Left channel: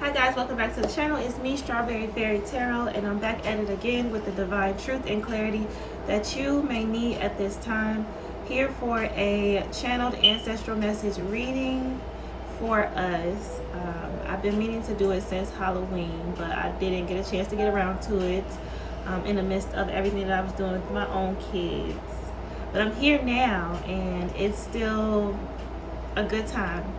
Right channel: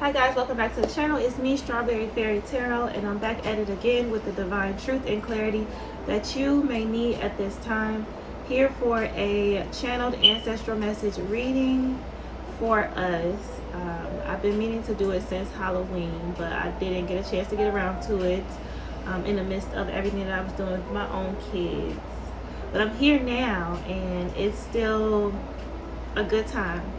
Hi guys, welcome back to the channel. It's me, Strawberry Fairy Tarot, and I'm back at it again with the divine truth and clarity that you may need at this time. Here for a channeled ancestral message reading for us. I've been meaning to do it since Halloween, but I didn't get a chance to get around to it in the midst of everything that I was doing with my own kids. But I'm here now, and it's still a good time.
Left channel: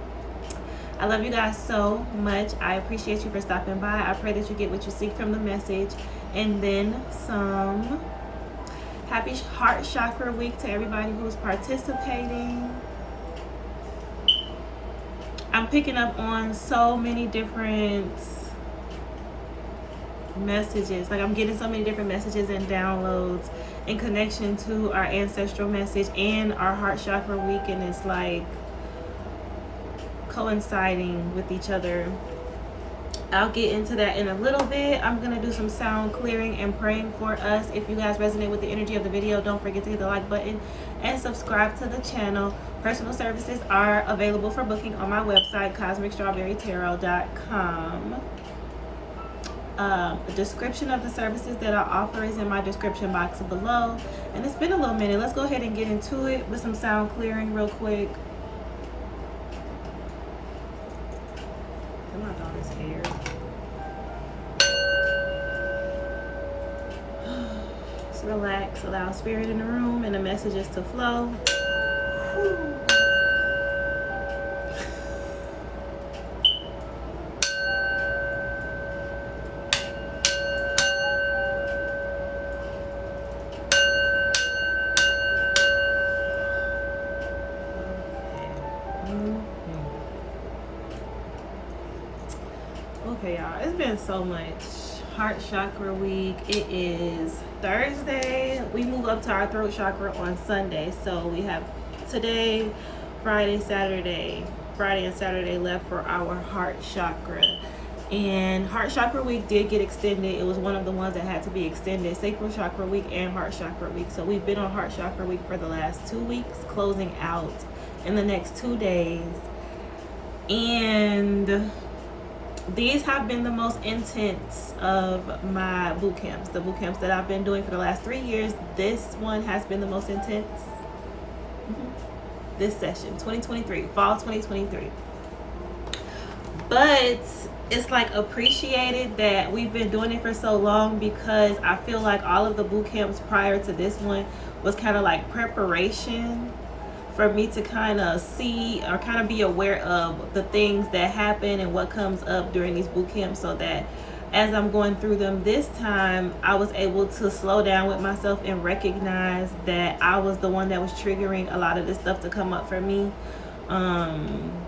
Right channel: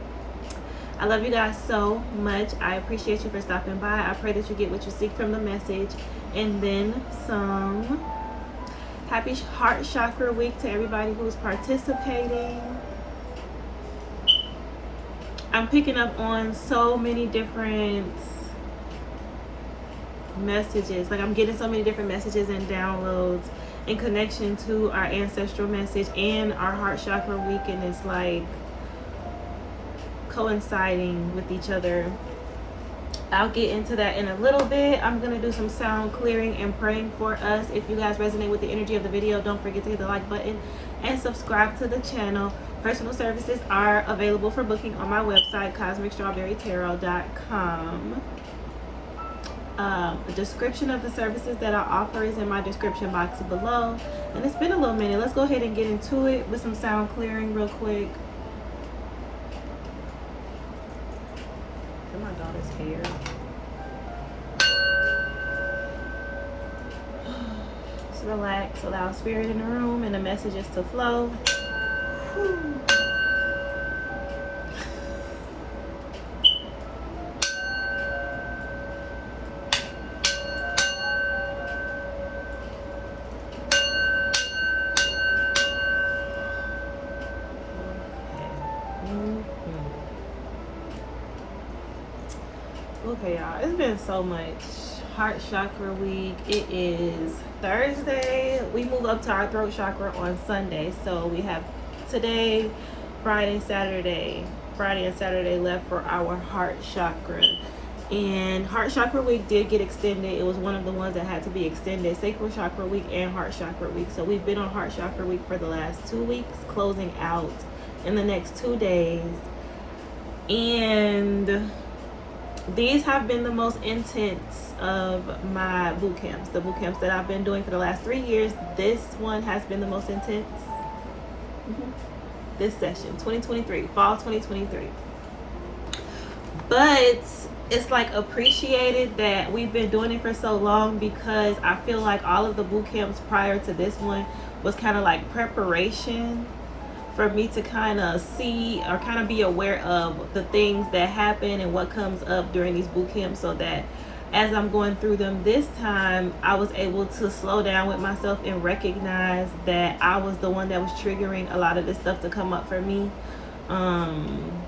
I love you guys so much. I appreciate you for stopping by. I pray that you get what you seek from the message and then some. Happy Heart Chakra Week to everybody who's participating. I'm picking up on so many different messages. Like, I'm getting so many different messages and downloads in connection to our ancestral message and our Heart Chakra Week, and it's like coinciding with each other. I'll get into that in a little bit. I'm gonna do some sound clearing and praying for us. If you guys resonate with the energy of the video, don't forget to hit the like button and subscribe to the channel. Personal services are available for booking on my website, cosmicstrawberrytarot.com. A description of the services that I offer is in my description box below. And it's been a little minute. Let's go ahead and get into it with some sound clearing real quick. My daughter's here. Just relax, allow spirit in the room and the messages to flow. Okay, y'all, it's been so much. Heart Chakra Week. It is Thursday. We move up to our throat chakra on Sunday. So we have today, Friday, Saturday left for our Heart Chakra. And Heart Chakra Week did get extended. It was one of the ones that had to be extended. Sacral Chakra Week and Heart Chakra Week. So we've been on Heart Chakra Week for the last 2 weeks, closing out in the next 2 days. And these have been the most intense of my boot camps. The boot camps that I've been doing for the last 3 years, this one has been the most intense. This session, 2023, fall 2023. But it's like appreciated that we've been doing it for so long, because I feel like all of the boot camps prior to this one was kind of like preparation for me to kind of see or kind of be aware of the things that happen and what comes up during these boot camps, so that as I'm going through them this time, I was able to slow down with myself and recognize that I was the one that was triggering a lot of this stuff to come up for me. And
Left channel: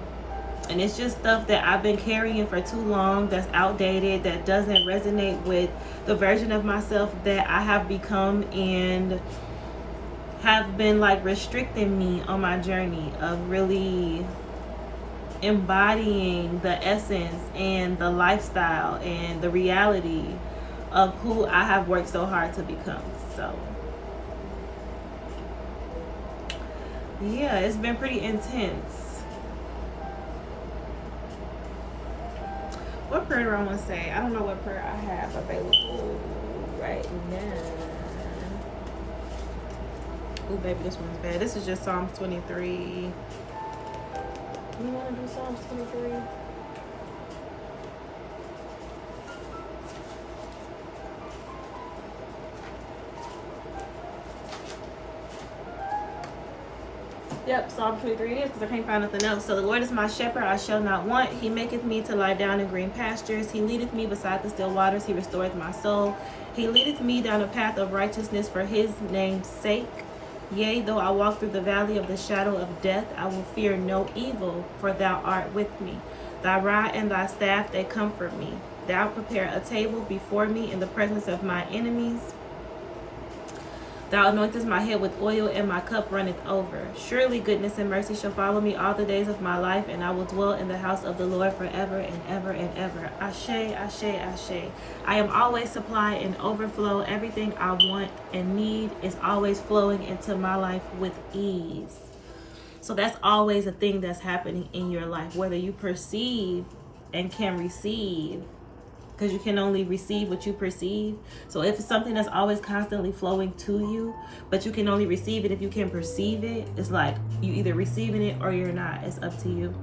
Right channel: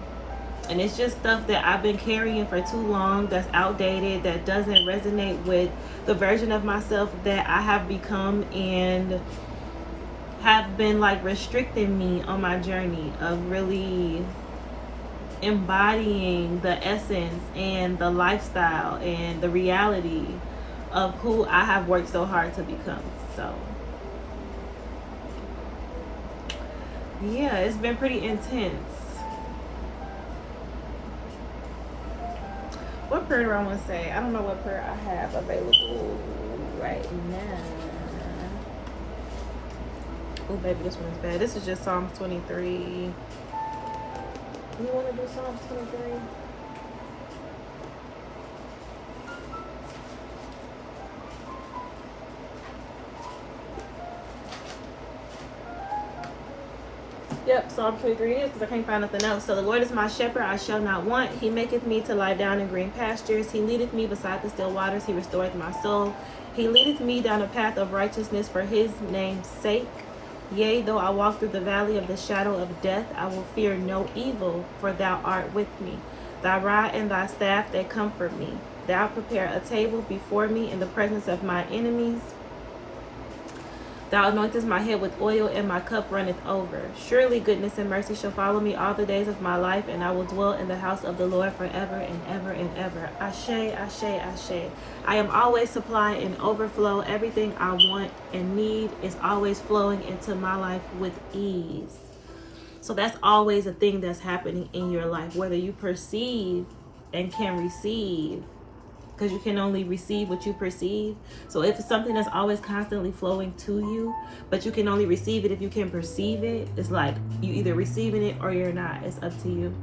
it's just stuff that I've been carrying for too long, that's outdated, that doesn't resonate with the version of myself that I have become, and have been like restricting me on my journey of really embodying the essence and the lifestyle and the reality of who I have worked so hard to become. So yeah, it's been pretty intense. What prayer do I want to say? I don't know what prayer I have available right now. Oh, baby, this one's bad. This is just Psalms 23. We want to do Psalms 23? Yep, Psalm 23 is, because I can't find nothing else. So the Lord is my shepherd, I shall not want. He maketh me to lie down in green pastures. He leadeth me beside the still waters. He restoreth my soul. He leadeth me down a path of righteousness for his name's sake. Yea, though I walk through the valley of the shadow of death, I will fear no evil, for thou art with me. Thy rod and thy staff, they comfort me. Thou prepare a table before me in the presence of my enemies. Thou anointest my head with oil, and my cup runneth over. Surely goodness and mercy shall follow me all the days of my life, and I will dwell in the house of the Lord forever and ever and ever. Ashe, ashe, ashe. I am always supply and overflow. Everything I want and need is always flowing into my life with ease. So that's always a thing that's happening in your life, whether you perceive and can receive, because you can only receive what you perceive. So if it's something that's always constantly flowing to you, but you can only receive it if you can perceive it, it's like you either receiving it or you're not. It's up to you.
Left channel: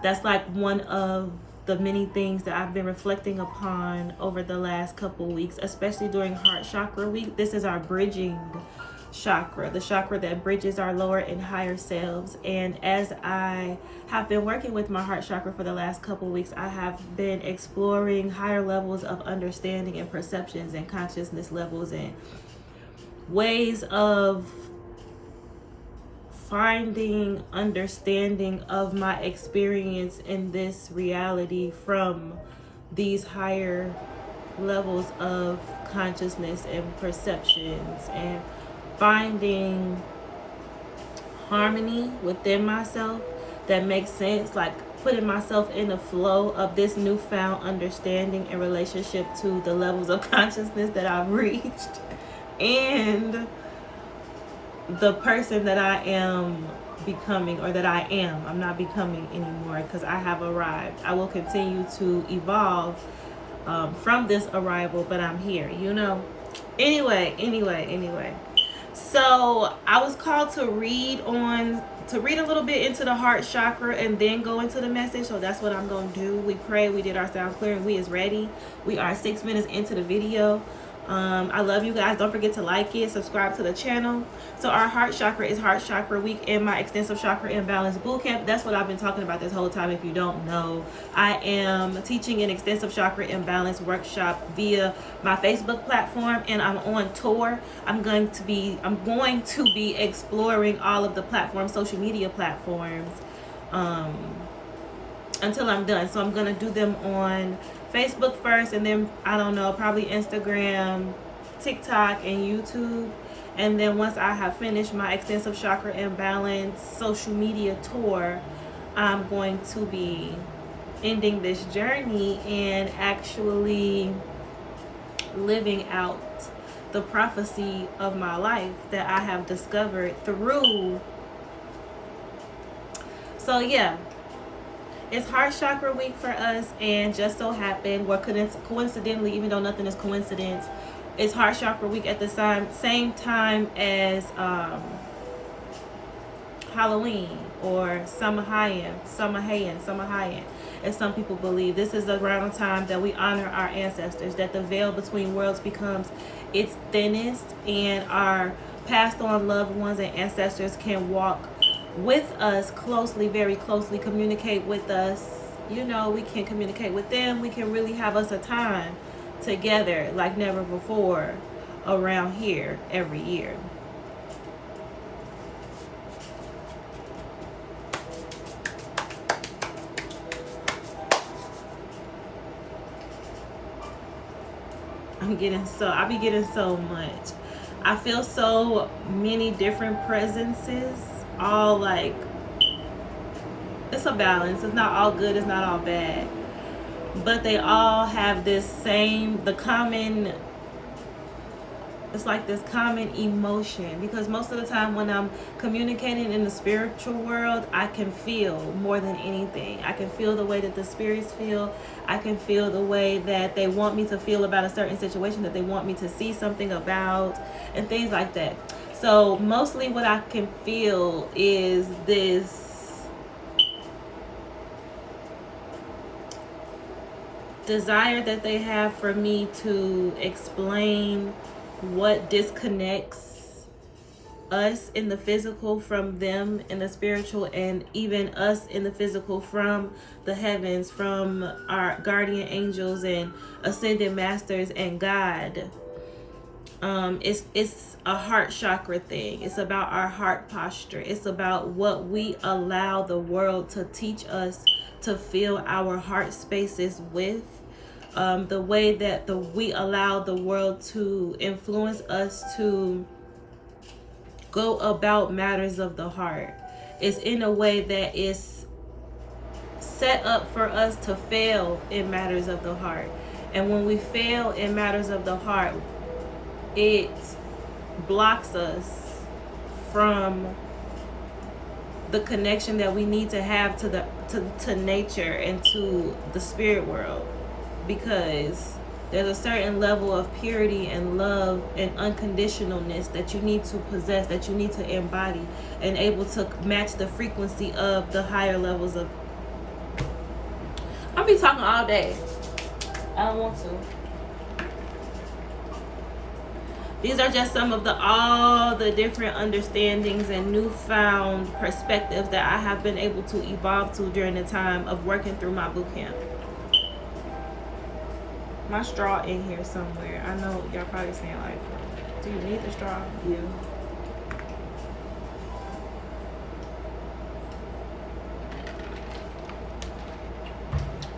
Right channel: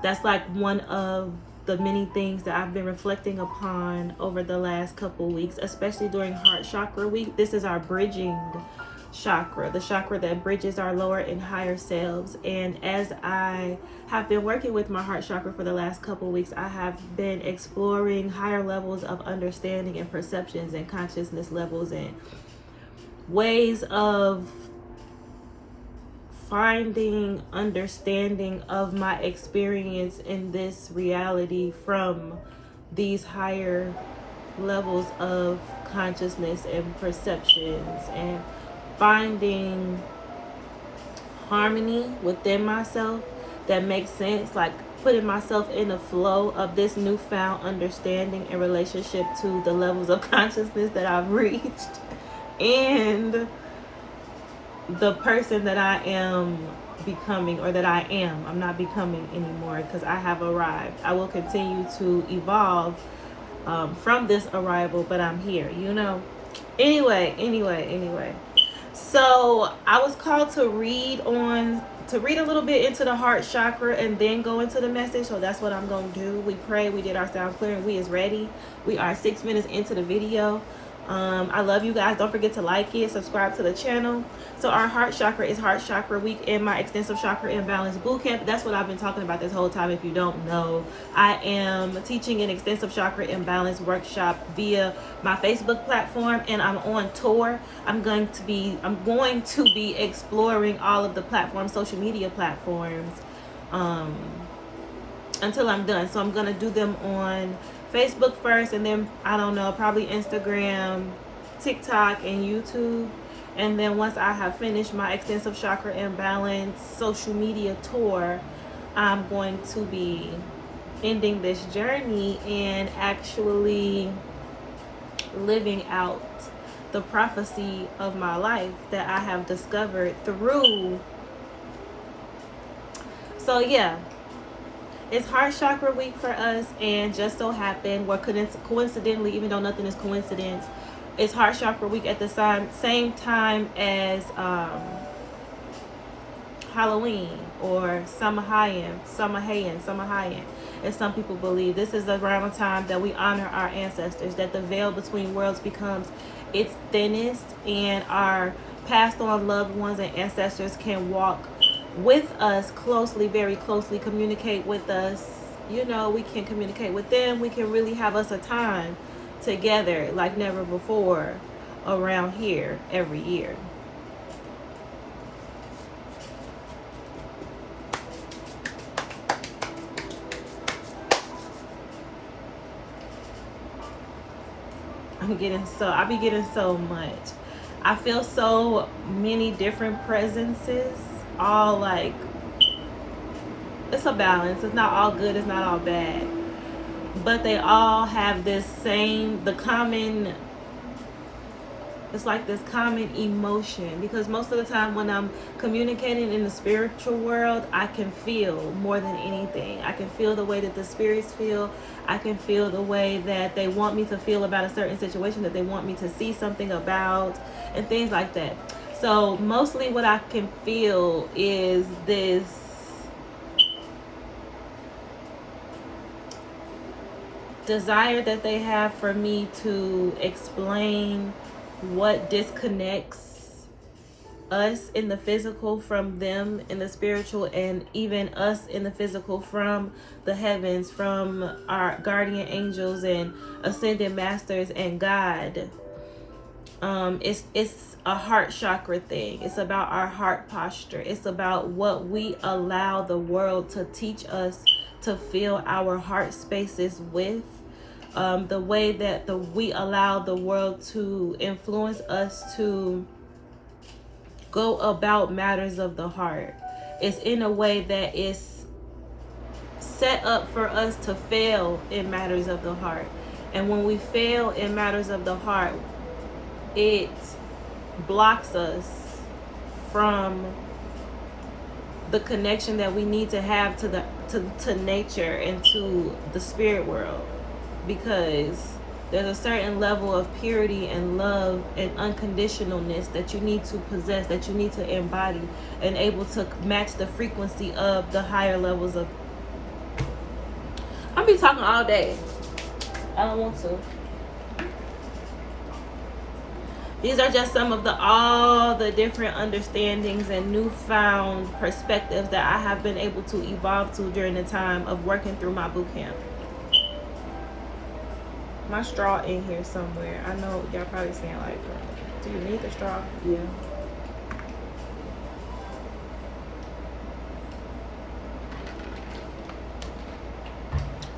That's like one of the many things that I've been reflecting upon over the last couple weeks, especially during heart chakra week. This is our bridging chakra, the chakra that bridges our lower and higher selves. And as I have been working with my heart chakra for the last couple weeks, I have been exploring higher levels of understanding and perceptions and consciousness levels and ways of finding understanding of my experience in this reality from these higher levels of consciousness and perceptions, and finding harmony within myself that makes sense, like putting myself in the flow of this newfound understanding in relationship to the levels of consciousness that I've reached and the person that I am becoming, or that I am. I'm not becoming anymore, because I have arrived. I will continue to evolve from this arrival, but I'm here, you know. Anyway. So I was called to read a little bit into the heart chakra and then go into the message. So that's what I'm going to do. We prayed, we did our sound clearing, we is ready. We are 6 minutes into the video. I love you guys. Don't forget to like it, subscribe to the channel. So our heart chakra is heart chakra week in my extensive chakra imbalance bootcamp. That's what I've been talking about this whole time. If you don't know, I am teaching an extensive chakra imbalance workshop via my Facebook platform, and I'm on tour. I'm going to be exploring all of the platforms, social media platforms, until I'm done. So I'm gonna do them on Facebook first, and then I don't know, probably Instagram, TikTok, and YouTube. And then once I have finished my extensive chakra imbalance social media tour, I'm going to be ending this journey and actually living out the prophecy of my life that I have discovered through. So yeah, it's heart chakra week for us, and just so happened, coincidentally, even though nothing is coincidence, it's heart chakra week at the same time as Halloween, or Samahayan, as some people believe. This is around the time that we honor our ancestors, that the veil between worlds becomes its thinnest, and our passed on loved ones and ancestors can walk with us closely, very closely, communicate with us. You know, we can communicate with them. We can really have us a time together like never before around here every year. I be getting so much. I feel so many different presences, all like, it's a balance. It's not all good, it's not all bad, but they all have this same, it's like this common emotion, because most of the time when I'm communicating in the spiritual world, I can feel more than anything. I can feel the way that the spirits feel. I can feel the way that they want me to feel about a certain situation, that they want me to see something about, and things like that. So mostly what I can feel is this desire that they have for me to explain what disconnects us in the physical from them in the spiritual, and even us in the physical from the heavens, from our guardian angels and ascended masters and God. It's a heart chakra thing. It's about our heart posture. It's about what we allow the world to teach us to fill our heart spaces with. The way that we allow the world to influence us to go about matters of the heart is in a way that is set up for us to fail in matters of the heart. And when we fail in matters of the heart, it blocks us from the connection that we need to have to nature and to the spirit world, because there's a certain level of purity and love and unconditionalness that you need to possess, that you need to embody, and able to match the frequency of the higher levels of. I'll be talking all day. I don't want to. These are just some of all the different understandings and newfound perspectives that I have been able to evolve to during the time of working through my boot camp. My straw in here somewhere. I know y'all probably saying like, do you need the straw? Yeah.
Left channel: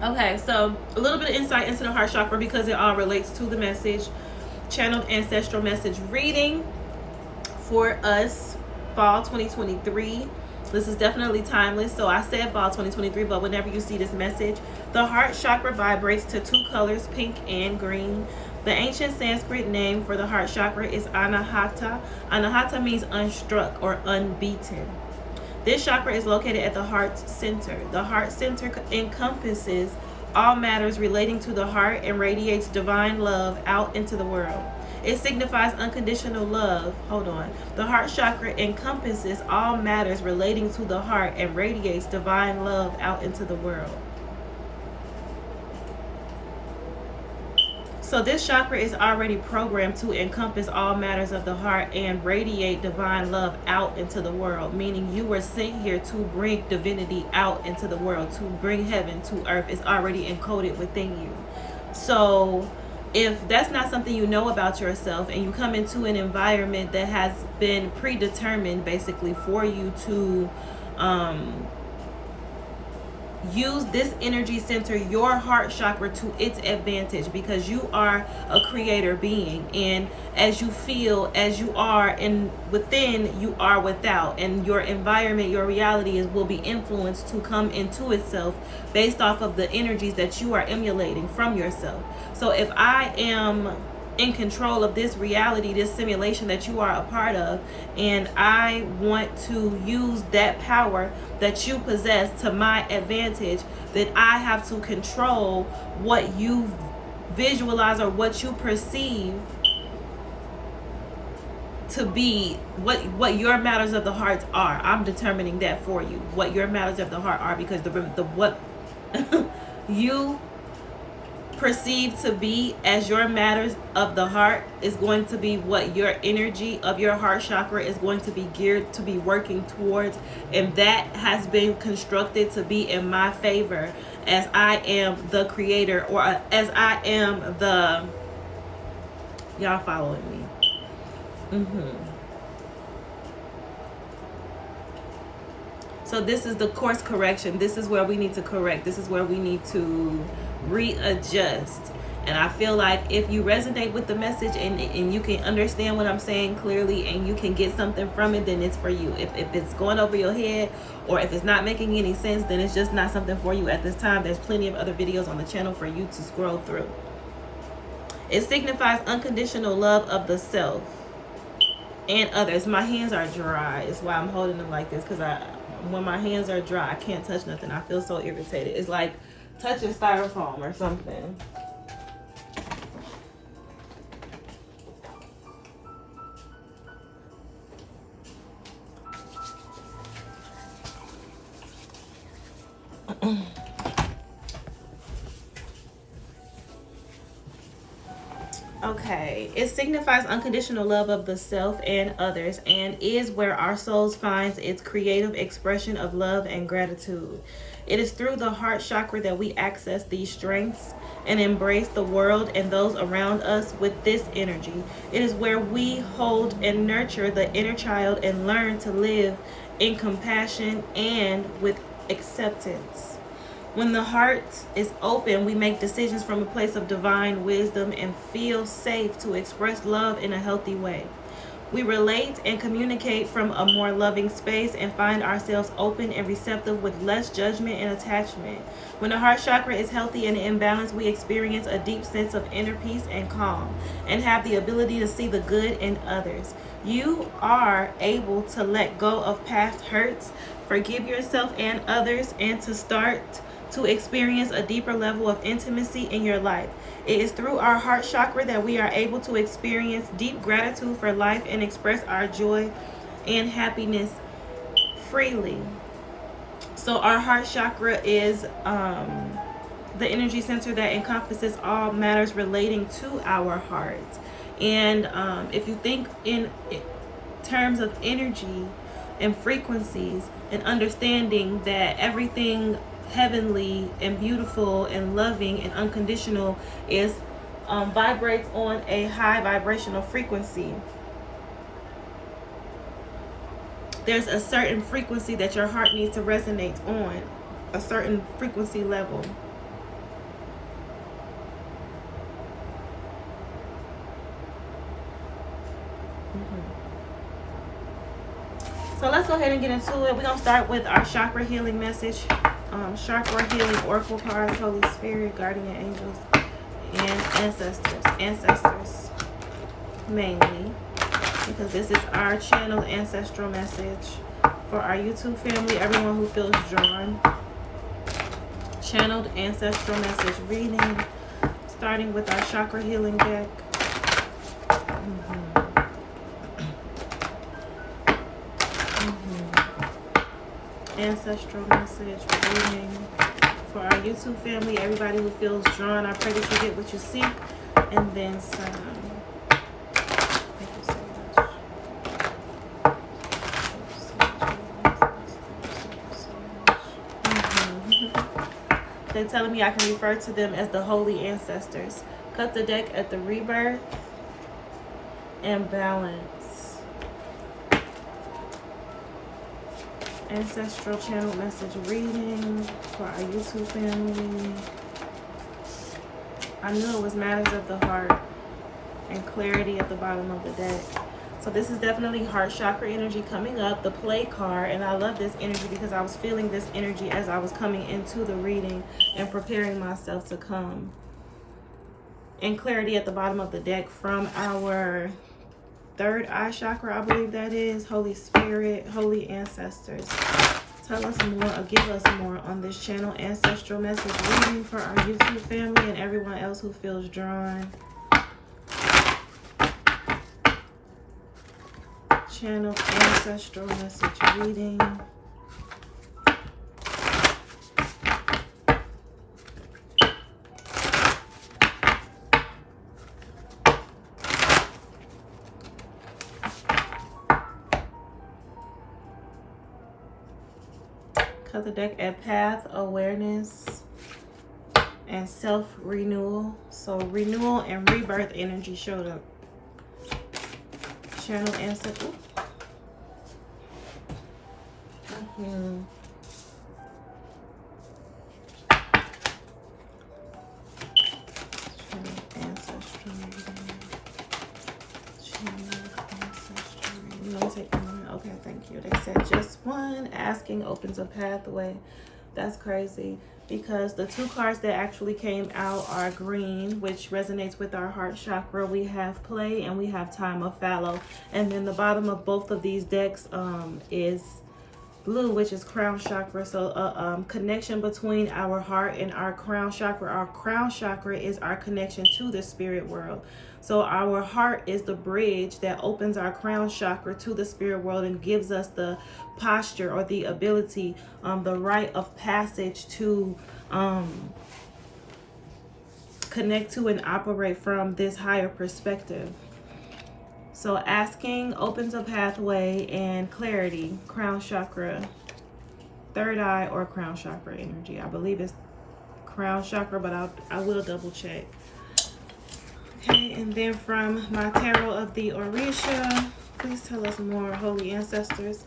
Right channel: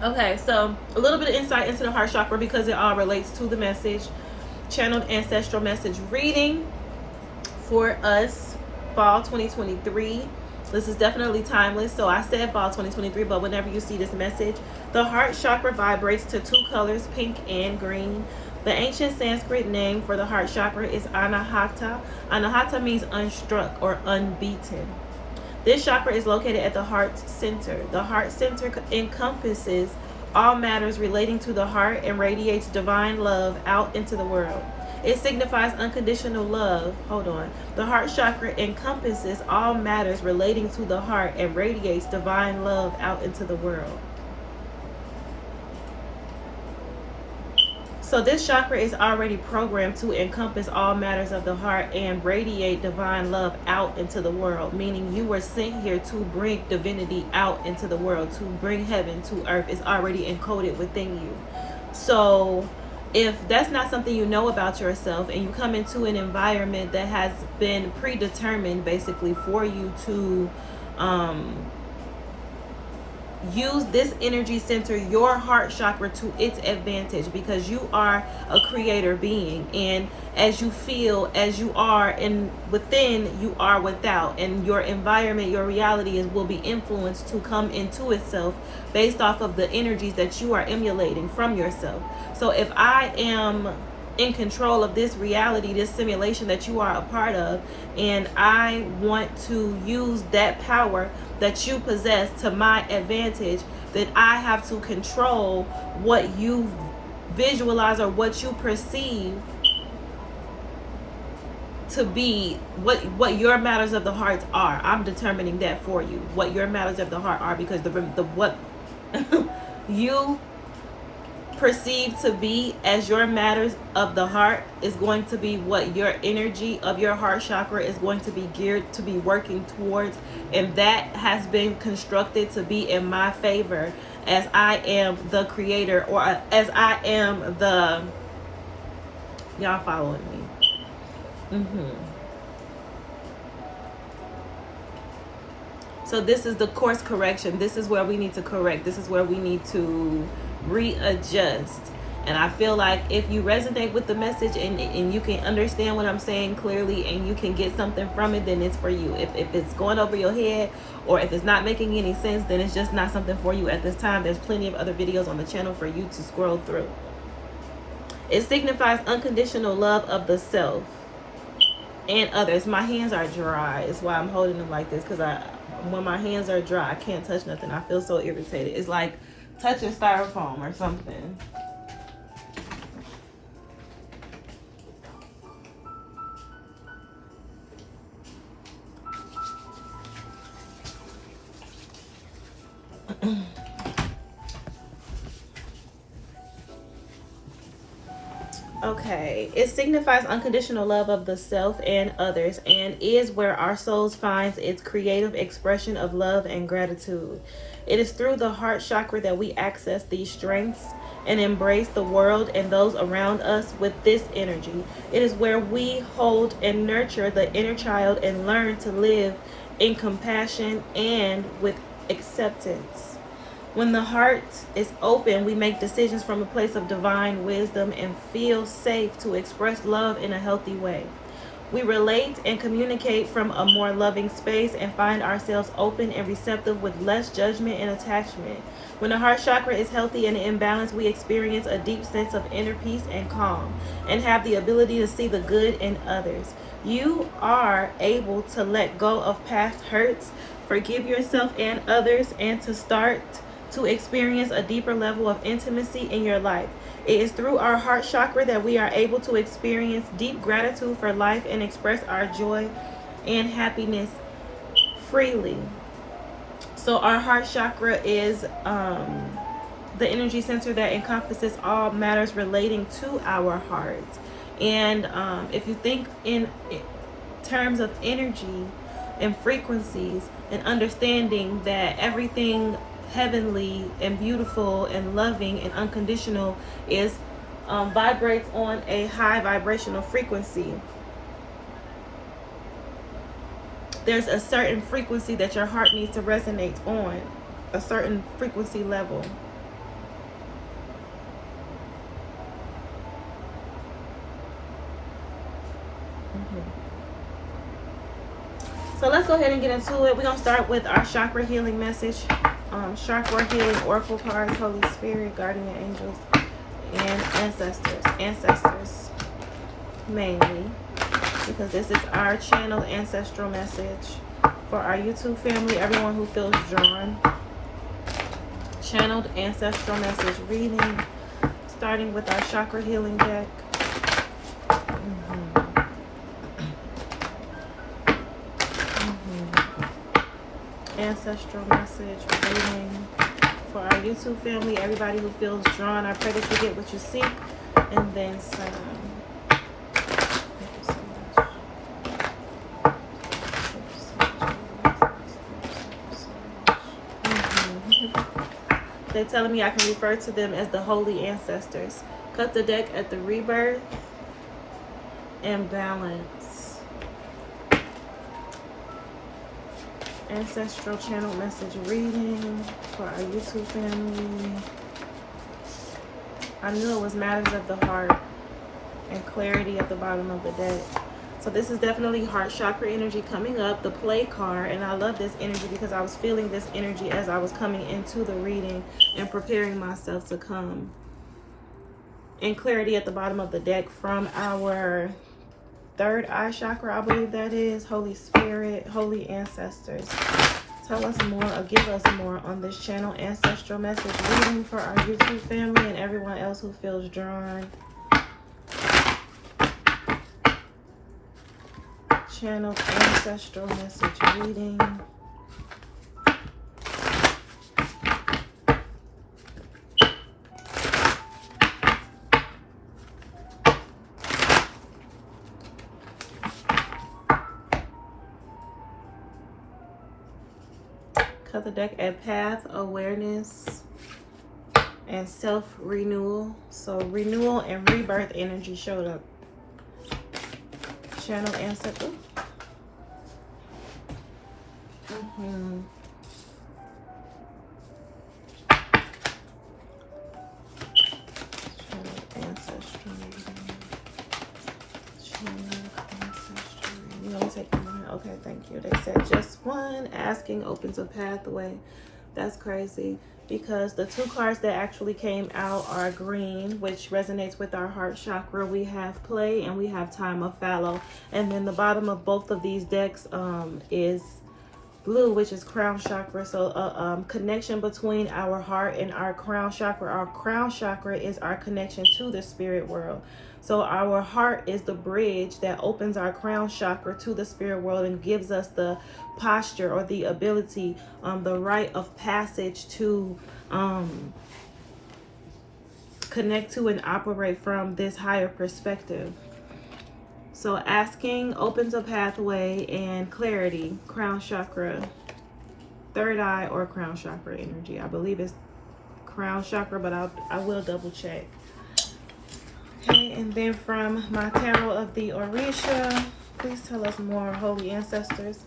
Okay, so a little bit of insight into the heart chakra because it all relates to the message. Channeled ancestral message reading for us, fall 2023. This is definitely timeless. So I said fall 2023, but whenever you see this message, the heart chakra vibrates to two colors, pink and green. The ancient Sanskrit name for the heart chakra is Anahata. Anahata means unstruck or unbeaten. This chakra is located at the heart center. The heart center encompasses all matters relating to the heart and radiates divine love out into the world. It signifies unconditional love. Hold on. The heart chakra encompasses all matters relating to the heart and radiates divine love out into the world. So this chakra is already programmed to encompass all matters of the heart and radiate divine love out into the world, meaning you were sent here to bring divinity out into the world, to bring heaven to earth. It's already encoded within you. So if that's not something you know about yourself and you come into an environment that has been predetermined basically for you to use this energy center, your heart chakra, to its advantage, because you are a creator being, and as you feel, as you are in within, you are without, and your environment, your reality will be influenced to come into itself based off of the energies that you are emulating from yourself. So if I am in control of this reality, this simulation that you are a part of, and I want to use that power that you possess to my advantage, then I have to control what you visualize or what you perceive to be what your matters of the heart are. I'm determining that for you, what your matters of the heart are, because the what you perceived to be as your matters of the heart is going to be what your energy of your heart chakra is going to be geared to be working towards, and that has been constructed to be in my favor as I am the creator, or as I am the, y'all following me? So this is the course correction. This is where we need to correct. This is where we need to readjust. And I feel like if you resonate with the message and you can understand what I'm saying clearly and you can get something from it, then it's for you. If it's going over your head, or if it's not making any sense, then it's just not something for you at this time. There's plenty of other videos on the channel for you to scroll through. It signifies unconditional love of the self and others. My hands are dry. It's why I'm holding them like this, because when my hands are dry, I can't touch nothing. I feel so irritated. It's like touching styrofoam or something. Okay, it signifies unconditional love of the self and others, and is where our souls finds its creative expression of love and gratitude. It is through the heart chakra that we access these strengths and embrace the world and those around us with this energy. It is where we hold and nurture the inner child and learn to live in compassion and with acceptance. When the heart is open, we make decisions from a place of divine wisdom and feel safe to express love in a healthy way. We relate and communicate from a more loving space and find ourselves open and receptive with less judgment and attachment. When the heart chakra is healthy and in balance, we experience a deep sense of inner peace and calm, and have the ability to see the good in others. You are able to let go of past hurts, forgive yourself and others, and to start to experience a deeper level of intimacy in your life. It is through our heart chakra that we are able to experience deep gratitude for life and express our joy and happiness freely. So our heart chakra is the energy center that encompasses all matters relating to our heart. And if you think in terms of energy and frequencies and understanding that everything heavenly and beautiful and loving and unconditional is vibrates on a high vibrational frequency, there's a certain frequency that your heart needs to resonate on, a certain frequency level. So let's go ahead and get into it. We're going to start with our chakra healing message. Chakra healing oracle cards, Holy Spirit, guardian angels, and ancestors. Ancestors mainly, because this is our channeled ancestral message for our YouTube family, everyone who feels drawn. Channeled ancestral message reading, starting with our chakra healing deck. Ancestral message reading for our YouTube family, everybody who feels drawn. I pray that you get what you seek and then some. Thank you so much. They're telling me I can refer to them as the holy ancestors. Cut the deck at the rebirth and balance. Ancestral channel message reading for our YouTube family. I knew it was matters of the heart and clarity at the bottom of the deck. So this is definitely heart chakra energy coming up, the play card. And I love this energy because I was feeling this energy as I was coming into the reading and preparing myself to come. And clarity at the bottom of the deck from our third eye chakra, I believe that is. Holy Spirit, holy ancestors, tell us more or give us more on this channel ancestral message reading for our YouTube family and everyone else who feels drawn. Channel ancestral message reading. Cut the deck at path, awareness, and self-renewal. So renewal and rebirth energy showed up. Channel ancestral. Channel ancestral reading. Channel ancestral reading. You want to take one? Okay, thank you. They said just one. Asking opens a pathway. That's crazy because the two cards that actually came out are green, which resonates with our heart chakra. We have play and we have time of fallow. And then the bottom of both of these decks is blue, which is crown chakra. So connection between our heart and our crown chakra. Our crown chakra is our connection to the spirit world. So our heart is the bridge that opens our crown chakra to the spirit world and gives us the posture or the ability, the rite of passage to connect to and operate from this higher perspective. So asking opens a pathway, and clarity, crown chakra, third eye or crown chakra energy. I believe it's crown chakra, but I will double check. Okay, and then from my tarot of the Orisha, please tell us more, holy ancestors,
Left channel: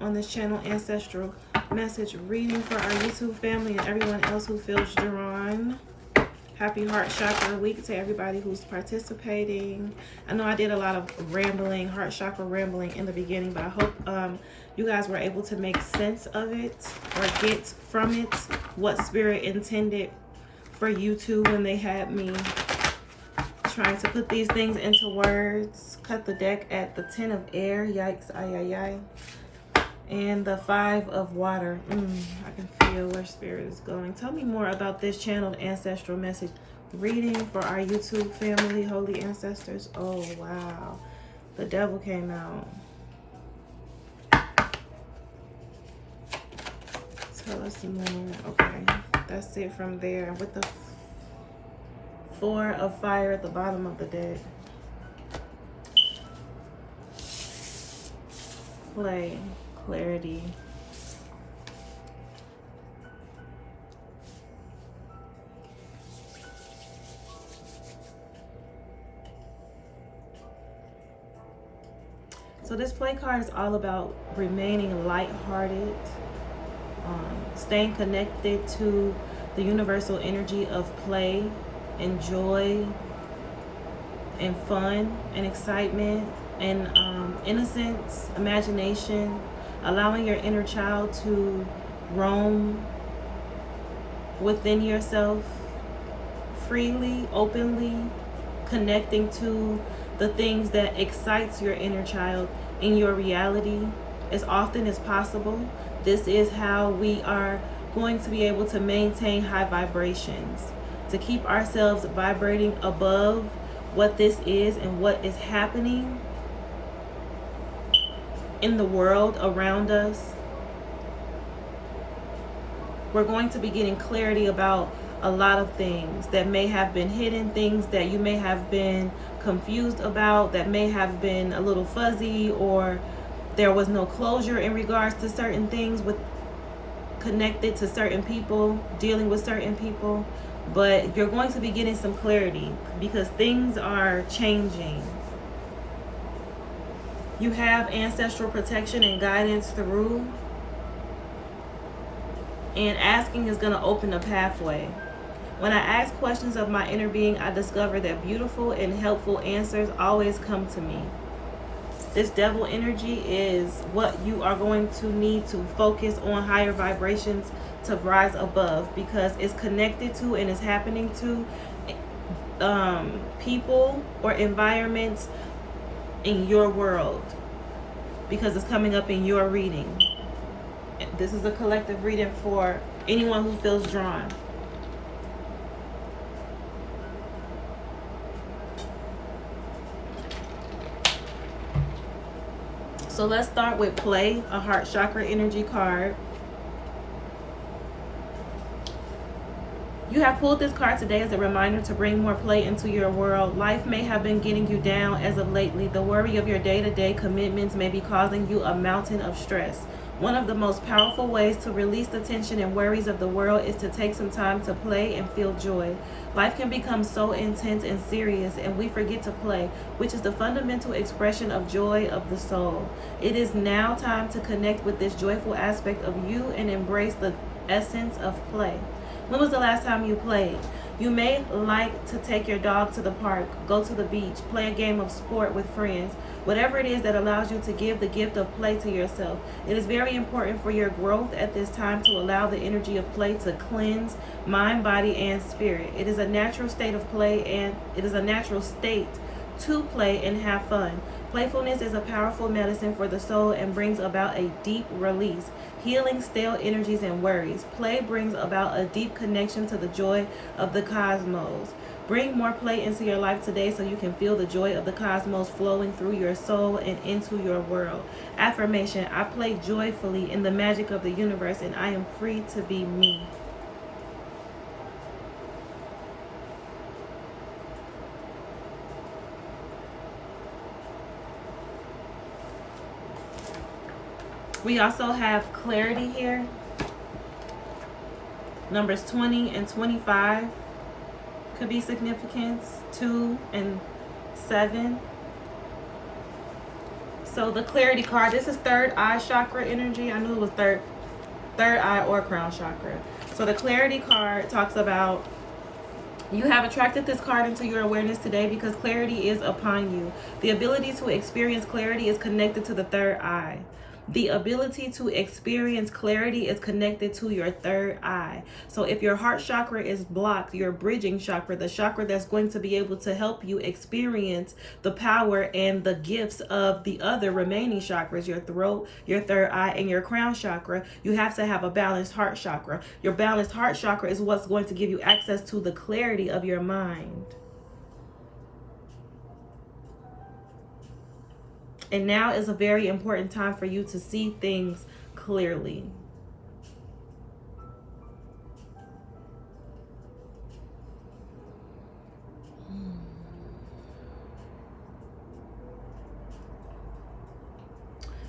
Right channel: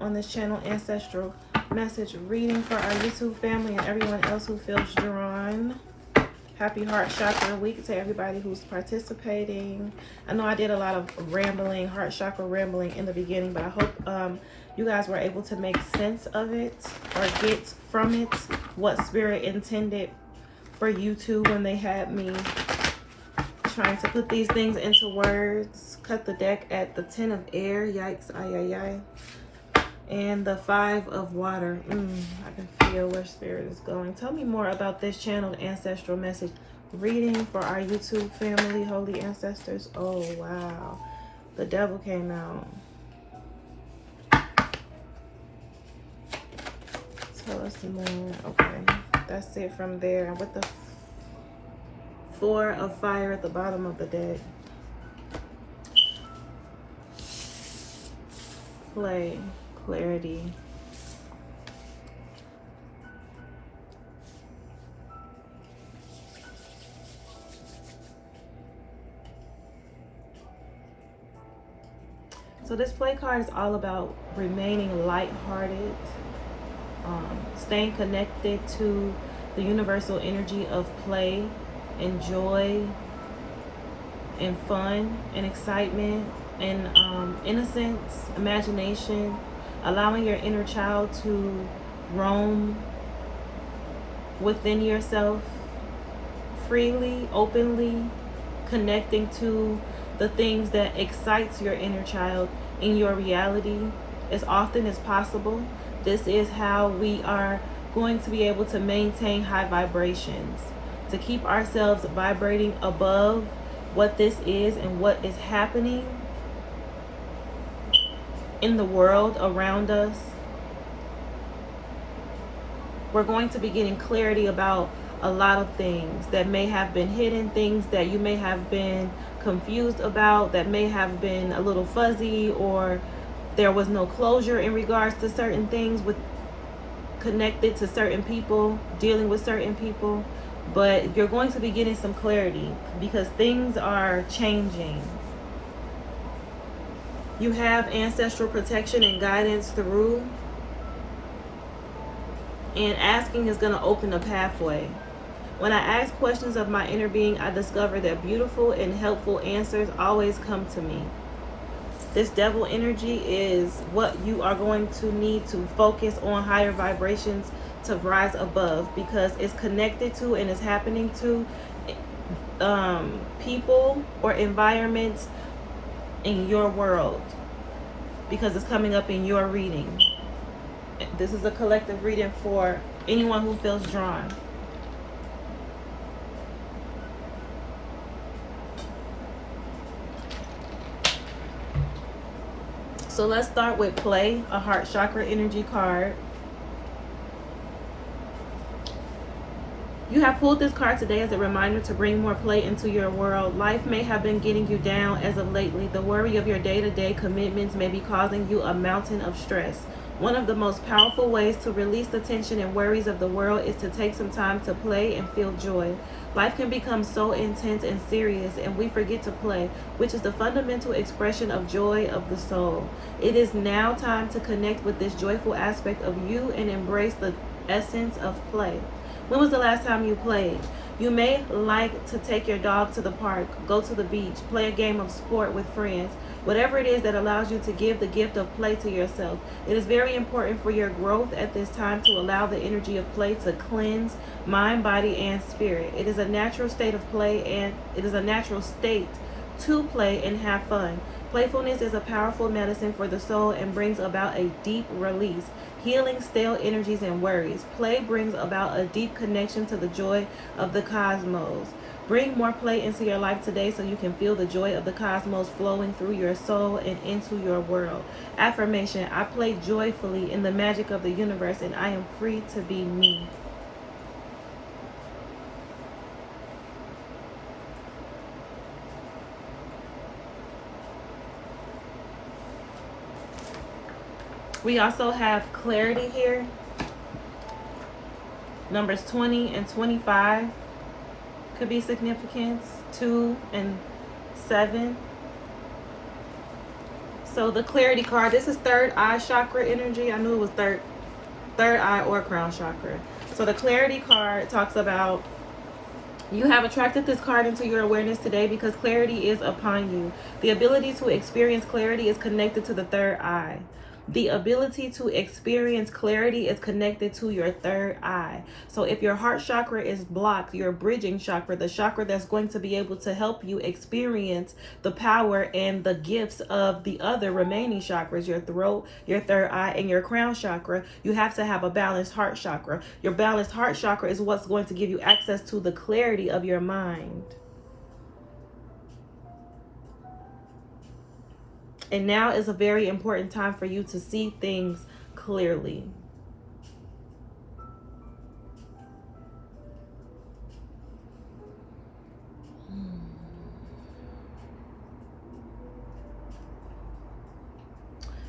on this channel ancestral message reading for our YouTube family and everyone else who feels drawn. Happy heart chakra week to everybody who's participating. I know I did a lot of rambling, heart chakra rambling in the beginning, but I hope you guys were able to make sense of it or get from it what spirit intended for you two when they had me trying to put these things into words. cut the deck at the 10 of air. Yikes, ay, ay, ay. And the 5 of water. I can feel where spirit is going. Tell me more about this channeled ancestral message reading for our YouTube family, holy ancestors. Oh, wow. The devil came out. Tell us more. Okay, that's it from there. And with the 4 of fire at the bottom of the deck. Play, clarity. So this play card is all about remaining lighthearted, staying connected to the universal energy of play and joy and fun and excitement and innocence, imagination, allowing your inner child to roam within yourself freely, openly, connecting to the things that excites your inner child in your reality as often as possible. This is how we are going to be able to maintain high vibrations, to keep ourselves vibrating above what this is and what is happening in the world around us. We're going to be getting clarity about a lot of things that may have been hidden, things that you may have been confused about, that may have been a little fuzzy, or there was no closure in regards to certain things with connected to certain people, dealing with certain people. But you're going to be getting some clarity because things are changing. You have ancestral protection and guidance through, and asking is going to open a pathway. When I ask questions of my inner being, I discover that beautiful and helpful answers always come to me. This devil energy is what you are going to need to focus on higher vibrations to rise above, because it's connected to and is happening to people or environments in your world, because it's coming up in your reading. This is a collective reading for anyone who feels drawn. So let's start with play, a heart chakra energy card. You have pulled this card today as a reminder to bring more play into your world. Life may have been getting you down as of lately. The worry of your day-to-day commitments may be causing you a mountain of stress. One of the most powerful ways to release the tension and worries of the world is to take some time to play and feel joy. Life can become so intense and serious, and we forget to play, which is the fundamental expression of joy of the soul. It is now time to connect with this joyful aspect of you and embrace the essence of play. When was the last time you played? You may like to take your dog to the park, go to the beach, play a game of sport with friends. Whatever it is that allows you to give the gift of play to yourself. It is very important for your growth at this time to allow the energy of play to cleanse mind, body, and spirit. It is a natural state of play, and it is a natural state to play and have fun. Playfulness is a powerful medicine for the soul and brings about a deep release, healing stale energies and worries. Play brings about a deep connection to the joy of the cosmos. Bring more play into your life today so you can feel the joy of the cosmos flowing through your soul and into your world. Affirmation: I play joyfully in the magic of the universe, and I am free to be me. We also have clarity here. Numbers 20 and 25 could be significance. 2 and 7. So the clarity card, this is third eye chakra energy. I knew it was third eye or crown chakra. So the clarity card talks about you have attracted this card into your awareness today because clarity is upon you. The ability to experience clarity is connected to the third eye. The ability to experience clarity is connected to your third eye. So if your heart chakra is blocked, your bridging chakra, the chakra that's going to be able to help you experience the power and the gifts of the other remaining chakras, your throat, your third eye, and your crown chakra, you have to have a balanced heart chakra. Your balanced heart chakra is what's going to give you access to the clarity of your mind. And now is a very important time for you to see things clearly.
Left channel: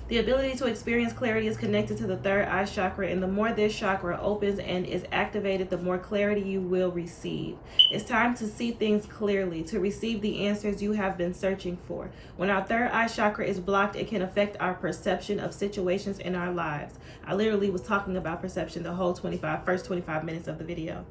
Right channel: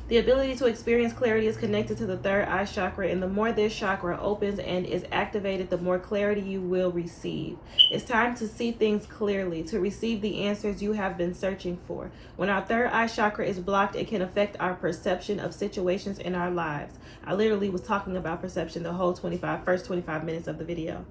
The ability to experience clarity is connected to the third eye chakra, and the more this chakra opens and is activated, the more clarity you will receive. It's time to see things clearly, to receive the answers you have been searching for. When our third eye chakra is blocked, it can affect our perception of situations in our lives. I literally was talking about perception the whole first 25 minutes of the video.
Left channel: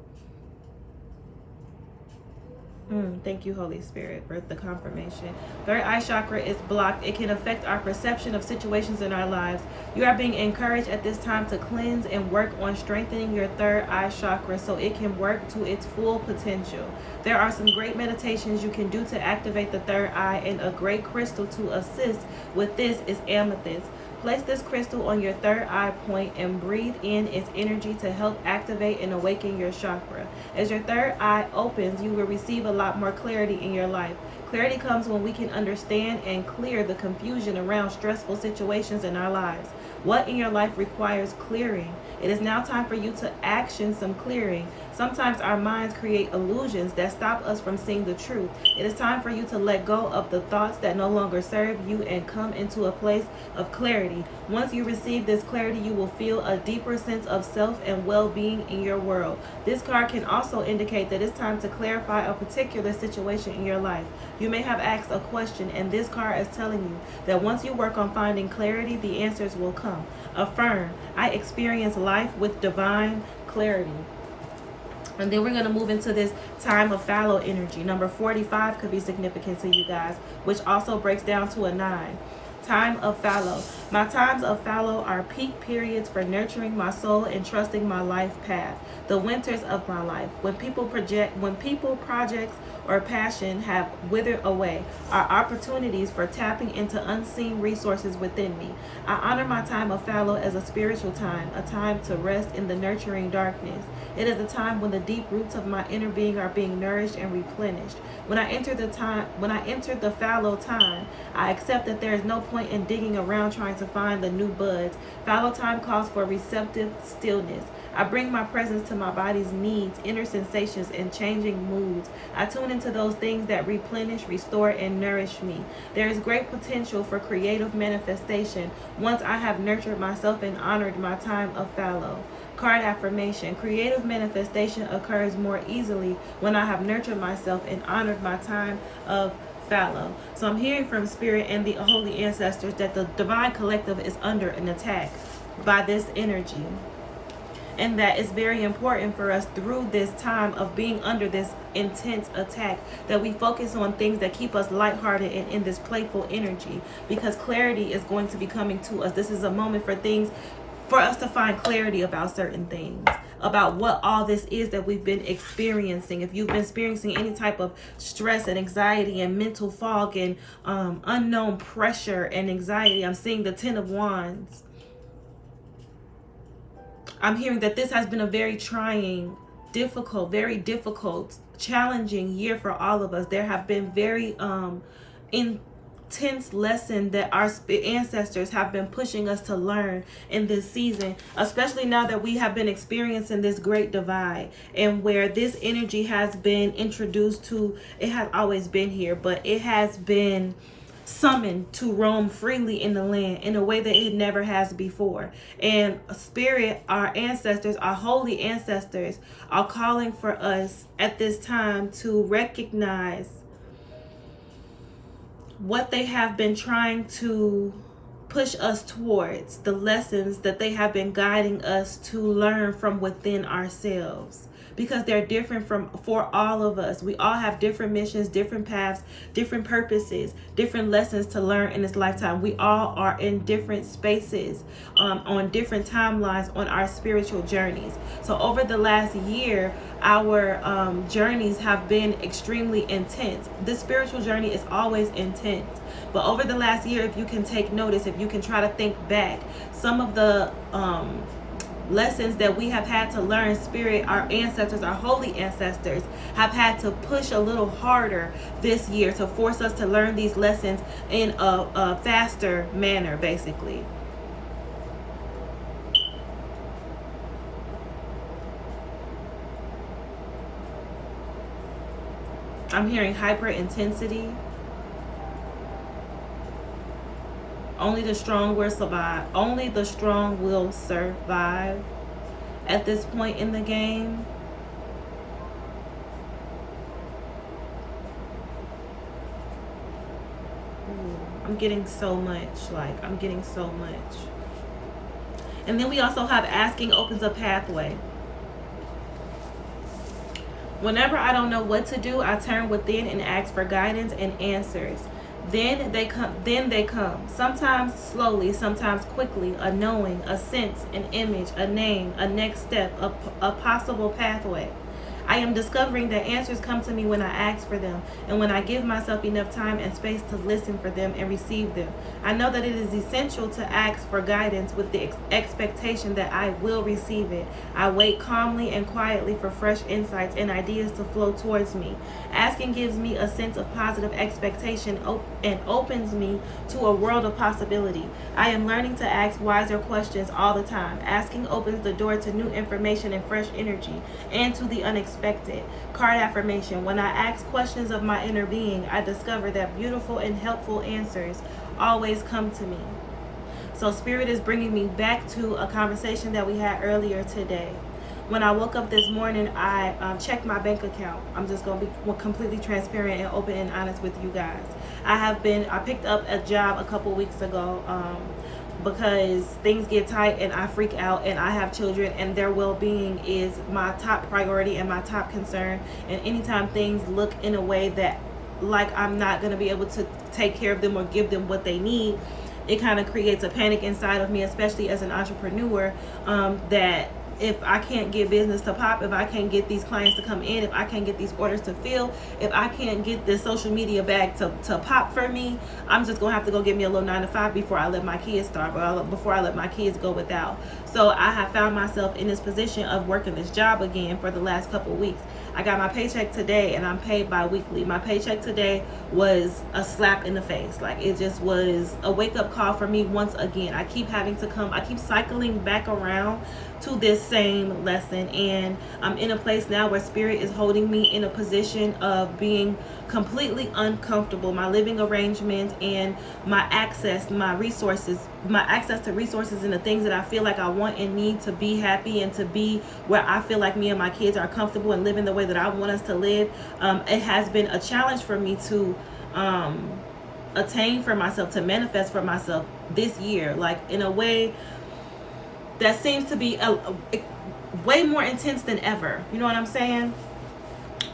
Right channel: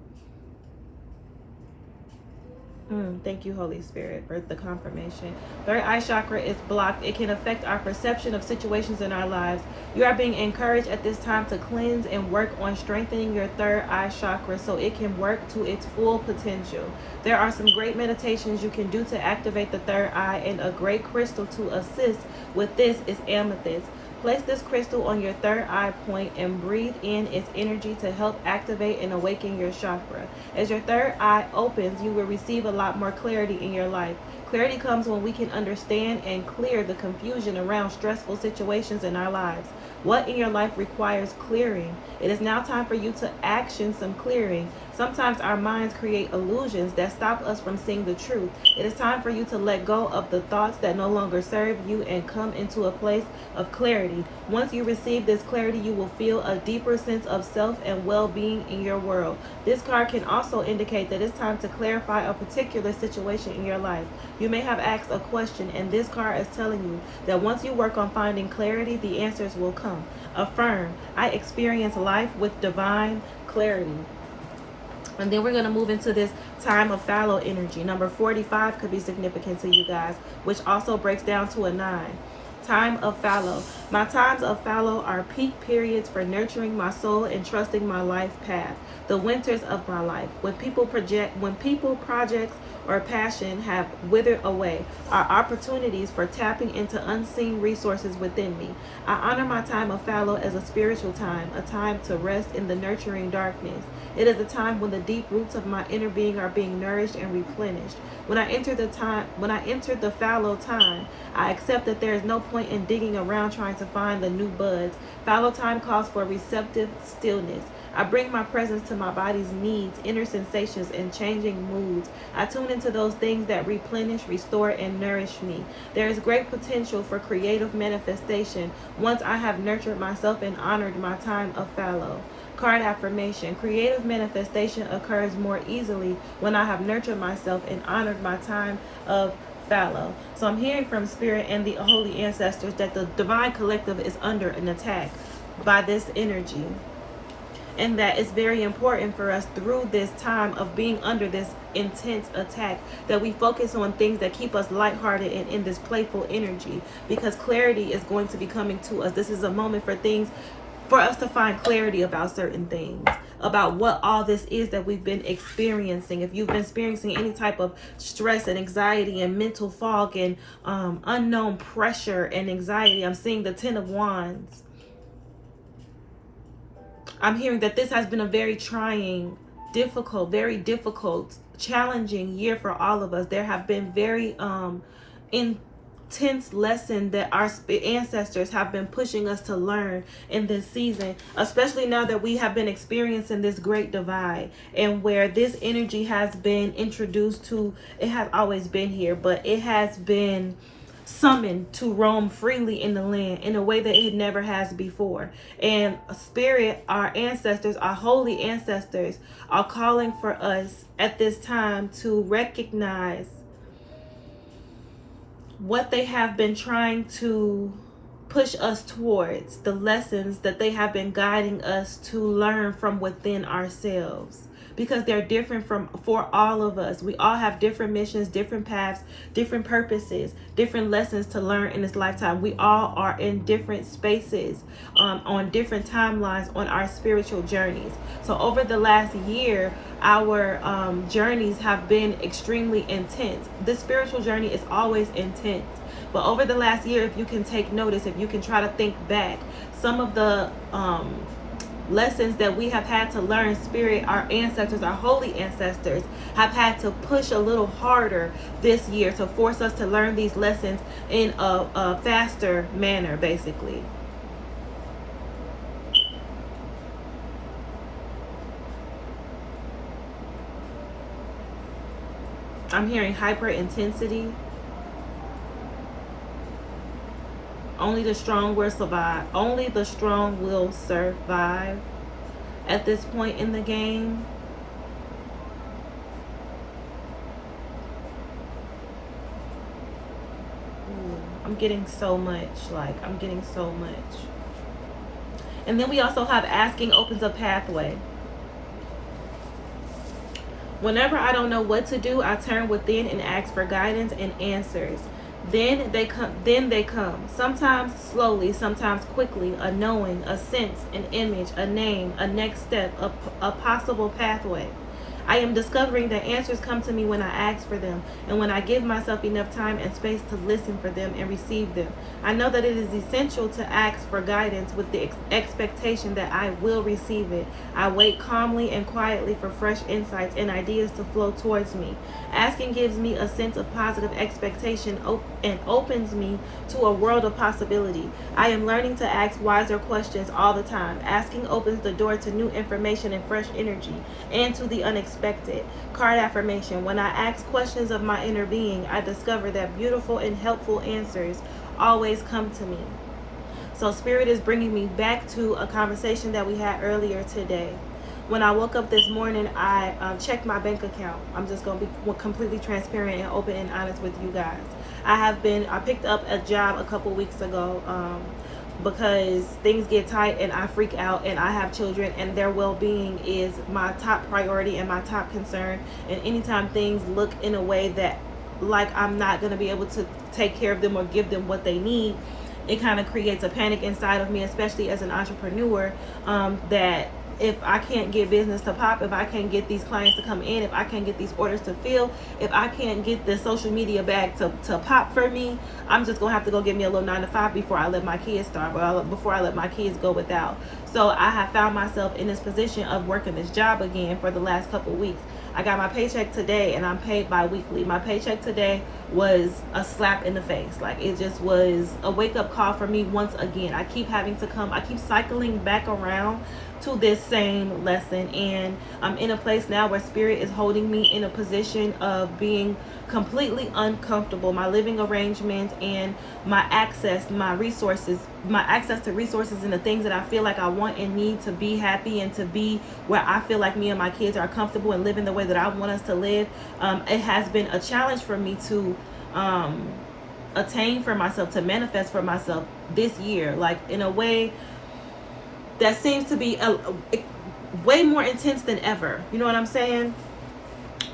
Thank you, Holy Spirit, for the confirmation. Third eye chakra is blocked. It can affect our perception of situations in our lives. You are being encouraged at this time to cleanse and work on strengthening your third eye chakra so it can work to its full potential. There are some great meditations you can do to activate the third eye, and a great crystal to assist with this is amethyst. Place this crystal on your third eye point and breathe in its energy to help activate and awaken your chakra. As your third eye opens, you will receive a lot more clarity in your life. Clarity comes when we can understand and clear the confusion around stressful situations in our lives. What in your life requires clearing? It is now time for you to action some clearing. Sometimes our minds create illusions that stop us from seeing the truth. It is time for you to let go of the thoughts that no longer serve you and come into a place of clarity. Once you receive this clarity, you will feel a deeper sense of self and well-being in your world. This card can also indicate that it's time to clarify a particular situation in your life. You may have asked a question, and this card is telling you that once you work on finding clarity, the answers will come. Affirm, I experience life with divine clarity. And then we're going to move into this time of fallow energy. Number 45 could be significant to you guys, which also breaks down to a 9. Time of fallow. My times of fallow are peak periods for nurturing my soul and trusting my life path. The winters of my life. When people, projects, or passion have withered away, are opportunities for tapping into unseen resources within me. I honor my time of fallow as a spiritual time, a time to rest in the nurturing darkness. It is a time when the deep roots of my inner being are being nourished and replenished. When I enter the fallow time, I accept that there is no point in digging around trying to find the new buds. Fallow time calls for receptive stillness. I bring my presence to my body's needs, inner sensations, and changing moods. I tune into those things that replenish, restore, and nourish me. There is great potential for creative manifestation once I have nurtured myself and honored my time of fallow. Card affirmation. Creative manifestation occurs more easily when I have nurtured myself and honored my time of fallow. So I'm hearing from Spirit and the holy ancestors that the divine collective is under an attack by this energy. And that it's very important for us through this time of being under this intense attack that we focus on things that keep us lighthearted and in this playful energy, because clarity is going to be coming to us. This is a moment for us to find clarity about certain things, about what all this is that we've been experiencing. If you've been experiencing any type of stress and anxiety and mental fog and unknown pressure and anxiety, I'm seeing the 10 of Wands. I'm hearing that this has been a very trying, very difficult, challenging year for all of us. There have been very intense lessons that our ancestors have been pushing us to learn in this season, especially now that we have been experiencing this great divide, and where this energy has been introduced to. It has always been here, but it has been summoned to roam freely in the land in a way that it never has before. And Spirit, our ancestors, our holy ancestors, are calling for us at this time to recognize what they have been trying to push us towards the lessons that they have been guiding us to learn from within ourselves, because they're different for all of us. We all have different missions, different paths, different purposes, different lessons to learn in this lifetime. We all are in different spaces, on different timelines on our spiritual journeys. So over the last year, our journeys have been extremely intense. The spiritual journey is always intense, but over the last year, if you can take notice, if you can try to think back, some of the lessons that we have had to learn, Spirit, our ancestors, our holy ancestors, have had to push a little harder this year to force us to learn these lessons in a faster manner, basically. I'm hearing hyper intensity. Only the strong will survive. Only the strong will survive at this point in the game. Ooh, I'm getting so much. I'm getting so much. And then we also have asking opens a pathway. Whenever I don't know what to do, I turn within and ask for guidance and answers. Then they come. Sometimes slowly, sometimes quickly, a knowing, a sense, an image, a name, a next step, a possible pathway. I am discovering that answers come to me when I ask for them, and when I give myself enough time and space to listen for them and receive them. I know that it is essential to ask for guidance with the expectation that I will receive it. I wait calmly and quietly for fresh insights and ideas to flow towards me. Asking gives me a sense of positive expectation and opens me to a world of possibility. I am learning to ask wiser questions all the time. Asking opens the door to new information and fresh energy, and to the unexpected. Card affirmation. When I ask questions of my inner being, I discover that beautiful and helpful answers always come to me. So Spirit is bringing me back to a conversation that we had earlier today. When I woke up this morning, I checked my bank account. I'm just going to be completely transparent and open and honest with you guys. I picked up a job a couple weeks ago because things get tight and I freak out, and I have children and their well-being is my top priority and my top concern. And anytime things look in a way that like I'm not going to be able to take care of them or give them what they need, it kind of creates a panic inside of me, especially as an entrepreneur, that if I can't get business to pop, if I can't get these clients to come in, if I can't get these orders to fill, if I can't get the social media bag to pop for me, I'm just going to have to go get me a little 9-to-5 before I let my kids starve, or before I let my kids go without. So I have found myself in this position of working this job again for the last couple weeks. I got my paycheck today and I'm paid bi-weekly. My paycheck today was a slap in the face. Like, it just was a wake-up call for me once again. I keep cycling back around to this same lesson, and I'm in a place now where Spirit is holding me in a position of being completely uncomfortable. My living arrangements and my access to resources and the things that I feel like I want and need to be happy and to be where I feel like me and my kids are comfortable and living the way that I want us to live. It has been a challenge for me to attain for myself, to manifest for myself this year, like in a way that seems to be way more intense than ever. You know what I'm saying?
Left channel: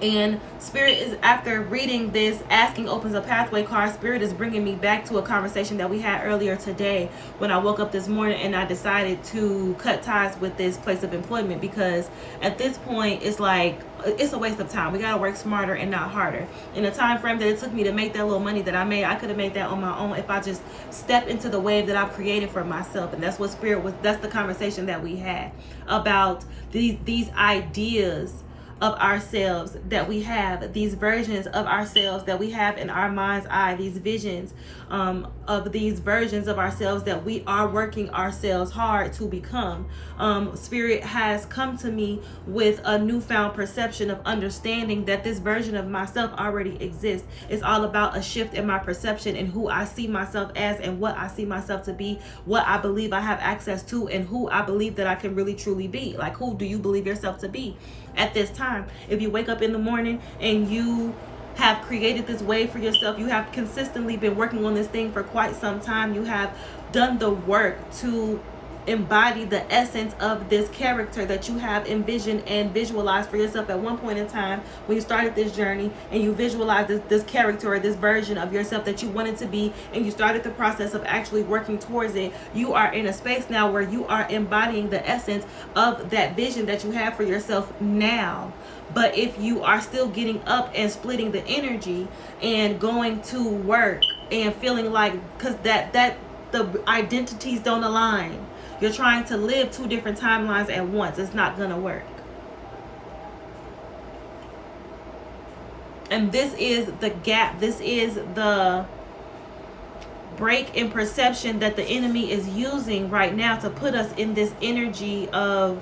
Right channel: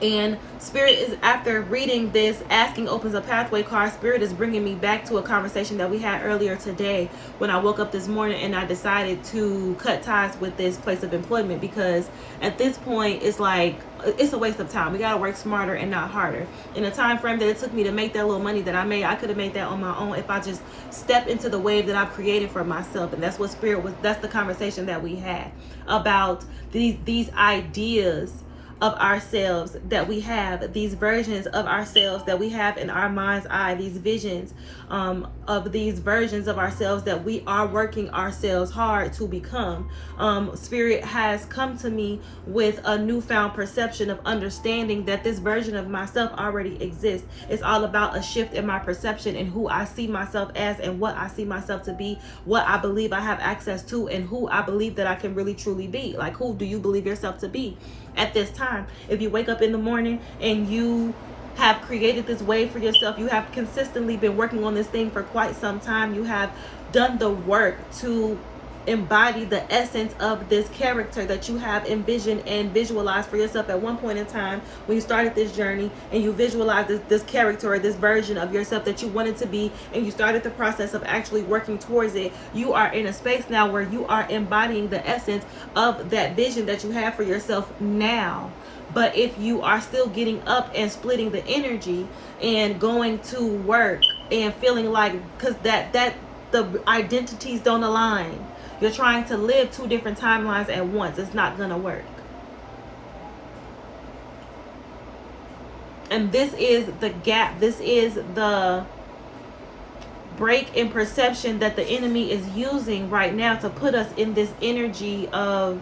And Spirit is, after reading this Asking Opens a Pathway card, Spirit is bringing me back to a conversation that we had earlier today when I woke up this morning and I decided to cut ties with this place of employment, because at this point it's like, it's a waste of time. We got to work smarter and not harder. In the time frame that it took me to make that little money that I made, I could have made that on my own if I just stepped into the wave that I've created for myself. And that's what Spirit was, that's the conversation that we had about these ideas of ourselves that we have, these versions of ourselves that we have in our mind's eye, these visions of these versions of ourselves that we are working ourselves hard to become. Spirit has come to me with a newfound perception of understanding that this version of myself already exists. It's all about a shift in my perception and who I see myself as and what I see myself to be, what I believe I have access to, and who I believe that I can really truly be. Like, who do you believe yourself to be at this time? If you wake up in the morning and you have created this way for yourself. You have consistently been working on this thing for quite some time. You have done the work to embody the essence of this character that you have envisioned and visualized for yourself at one point in time when you started this journey, and you visualized this character or this version of yourself that you wanted to be, and you started the process of actually working towards it. You are in a space now where you are embodying the essence of that vision that you have for yourself now. But if you are still getting up and splitting the energy and going to work and feeling like, because that the identities don't align, you're trying to live two different timelines at once, it's not gonna work. And this is the gap, this is the break in perception that the enemy is using right now to put us in this energy of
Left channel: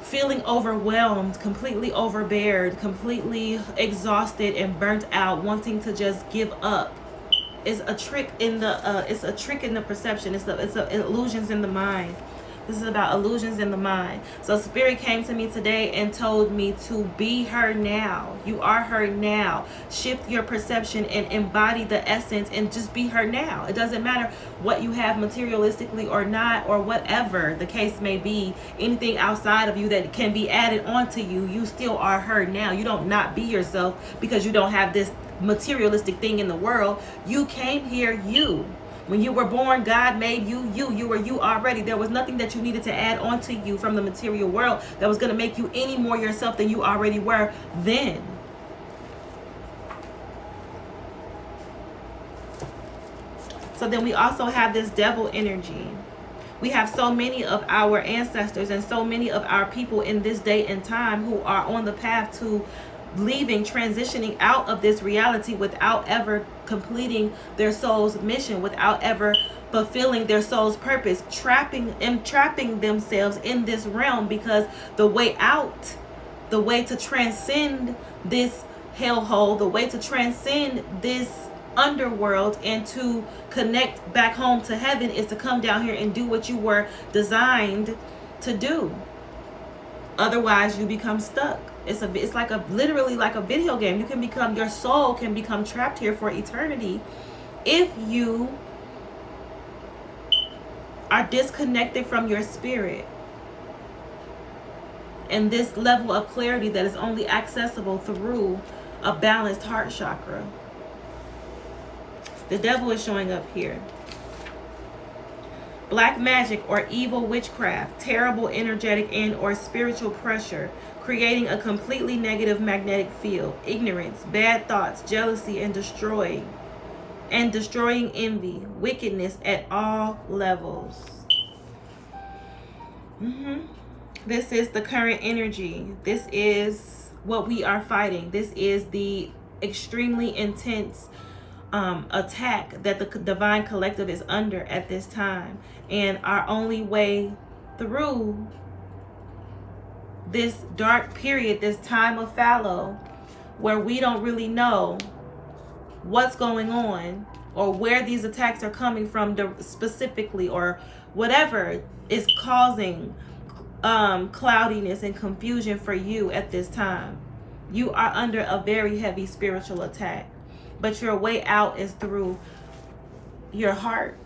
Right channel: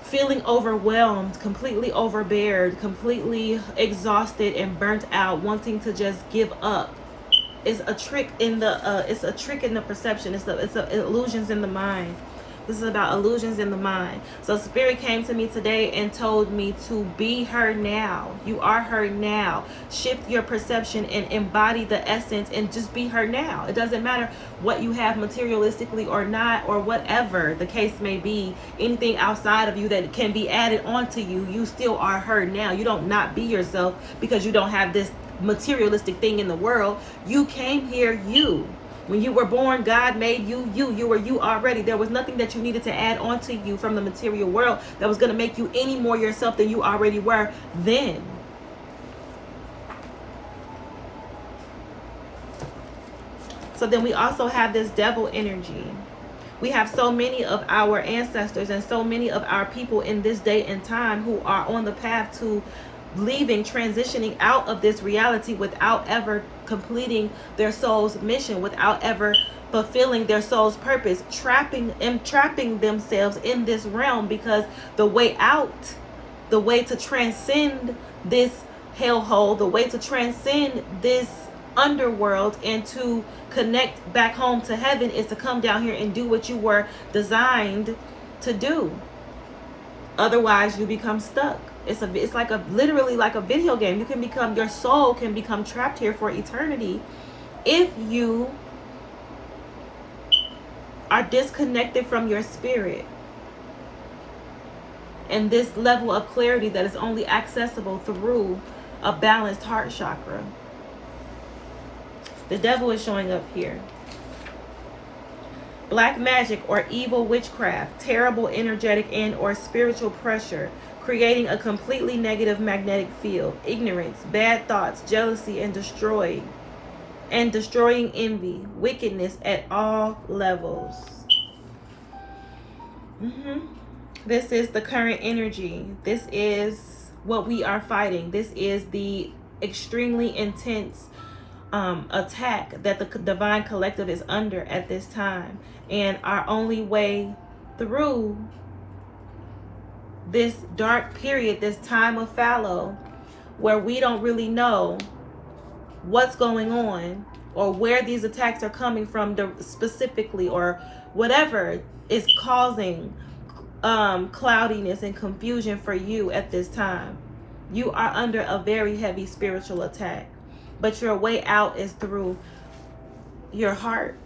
feeling overwhelmed, completely overbeared, completely exhausted and burnt out, wanting to just give up. It's a trick in the perception. It's illusions in the mind. This is about illusions in the mind. So Spirit came to me today and told me to be her now. You are her now. Shift your perception and embody the essence and just be her now. It doesn't matter what you have materialistically or not, or whatever the case may be. Anything outside of you that can be added onto you, you still are her now. You don't not be yourself because you don't have this materialistic thing in the world. You came here you. When you were born, God made you you. You were you already. There was nothing that you needed to add on to you from the material world that was going to make you any more yourself than you already were then. So then we also have this devil energy. We have so many of our ancestors and so many of our people in this day and time who are on the path to leaving, transitioning out of this reality without ever completing their soul's mission, without ever fulfilling their soul's purpose, trapping themselves in this realm, because the way out, the way to transcend this hellhole, the way to transcend this underworld and to connect back home to heaven is to come down here and do what you were designed to do. Otherwise you become stuck. It's like literally like a video game. Your soul can become trapped here for eternity if you are disconnected from your spirit and this level of clarity that is only accessible through a balanced heart chakra. The devil is showing up here. Black magic or evil witchcraft, terrible energetic and or spiritual pressure, creating a completely negative magnetic field, ignorance, bad thoughts, jealousy, and destroying envy, wickedness at all levels. This is the current energy. This is what we are fighting. This is the extremely intense attack that the divine collective is under at this time. And our only way through this dark period, this time of fallow, where we don't really know what's going on or where these attacks are coming from specifically, or whatever is causing cloudiness and confusion for you at this time. You are under a very heavy spiritual attack, but your way out is through your heart.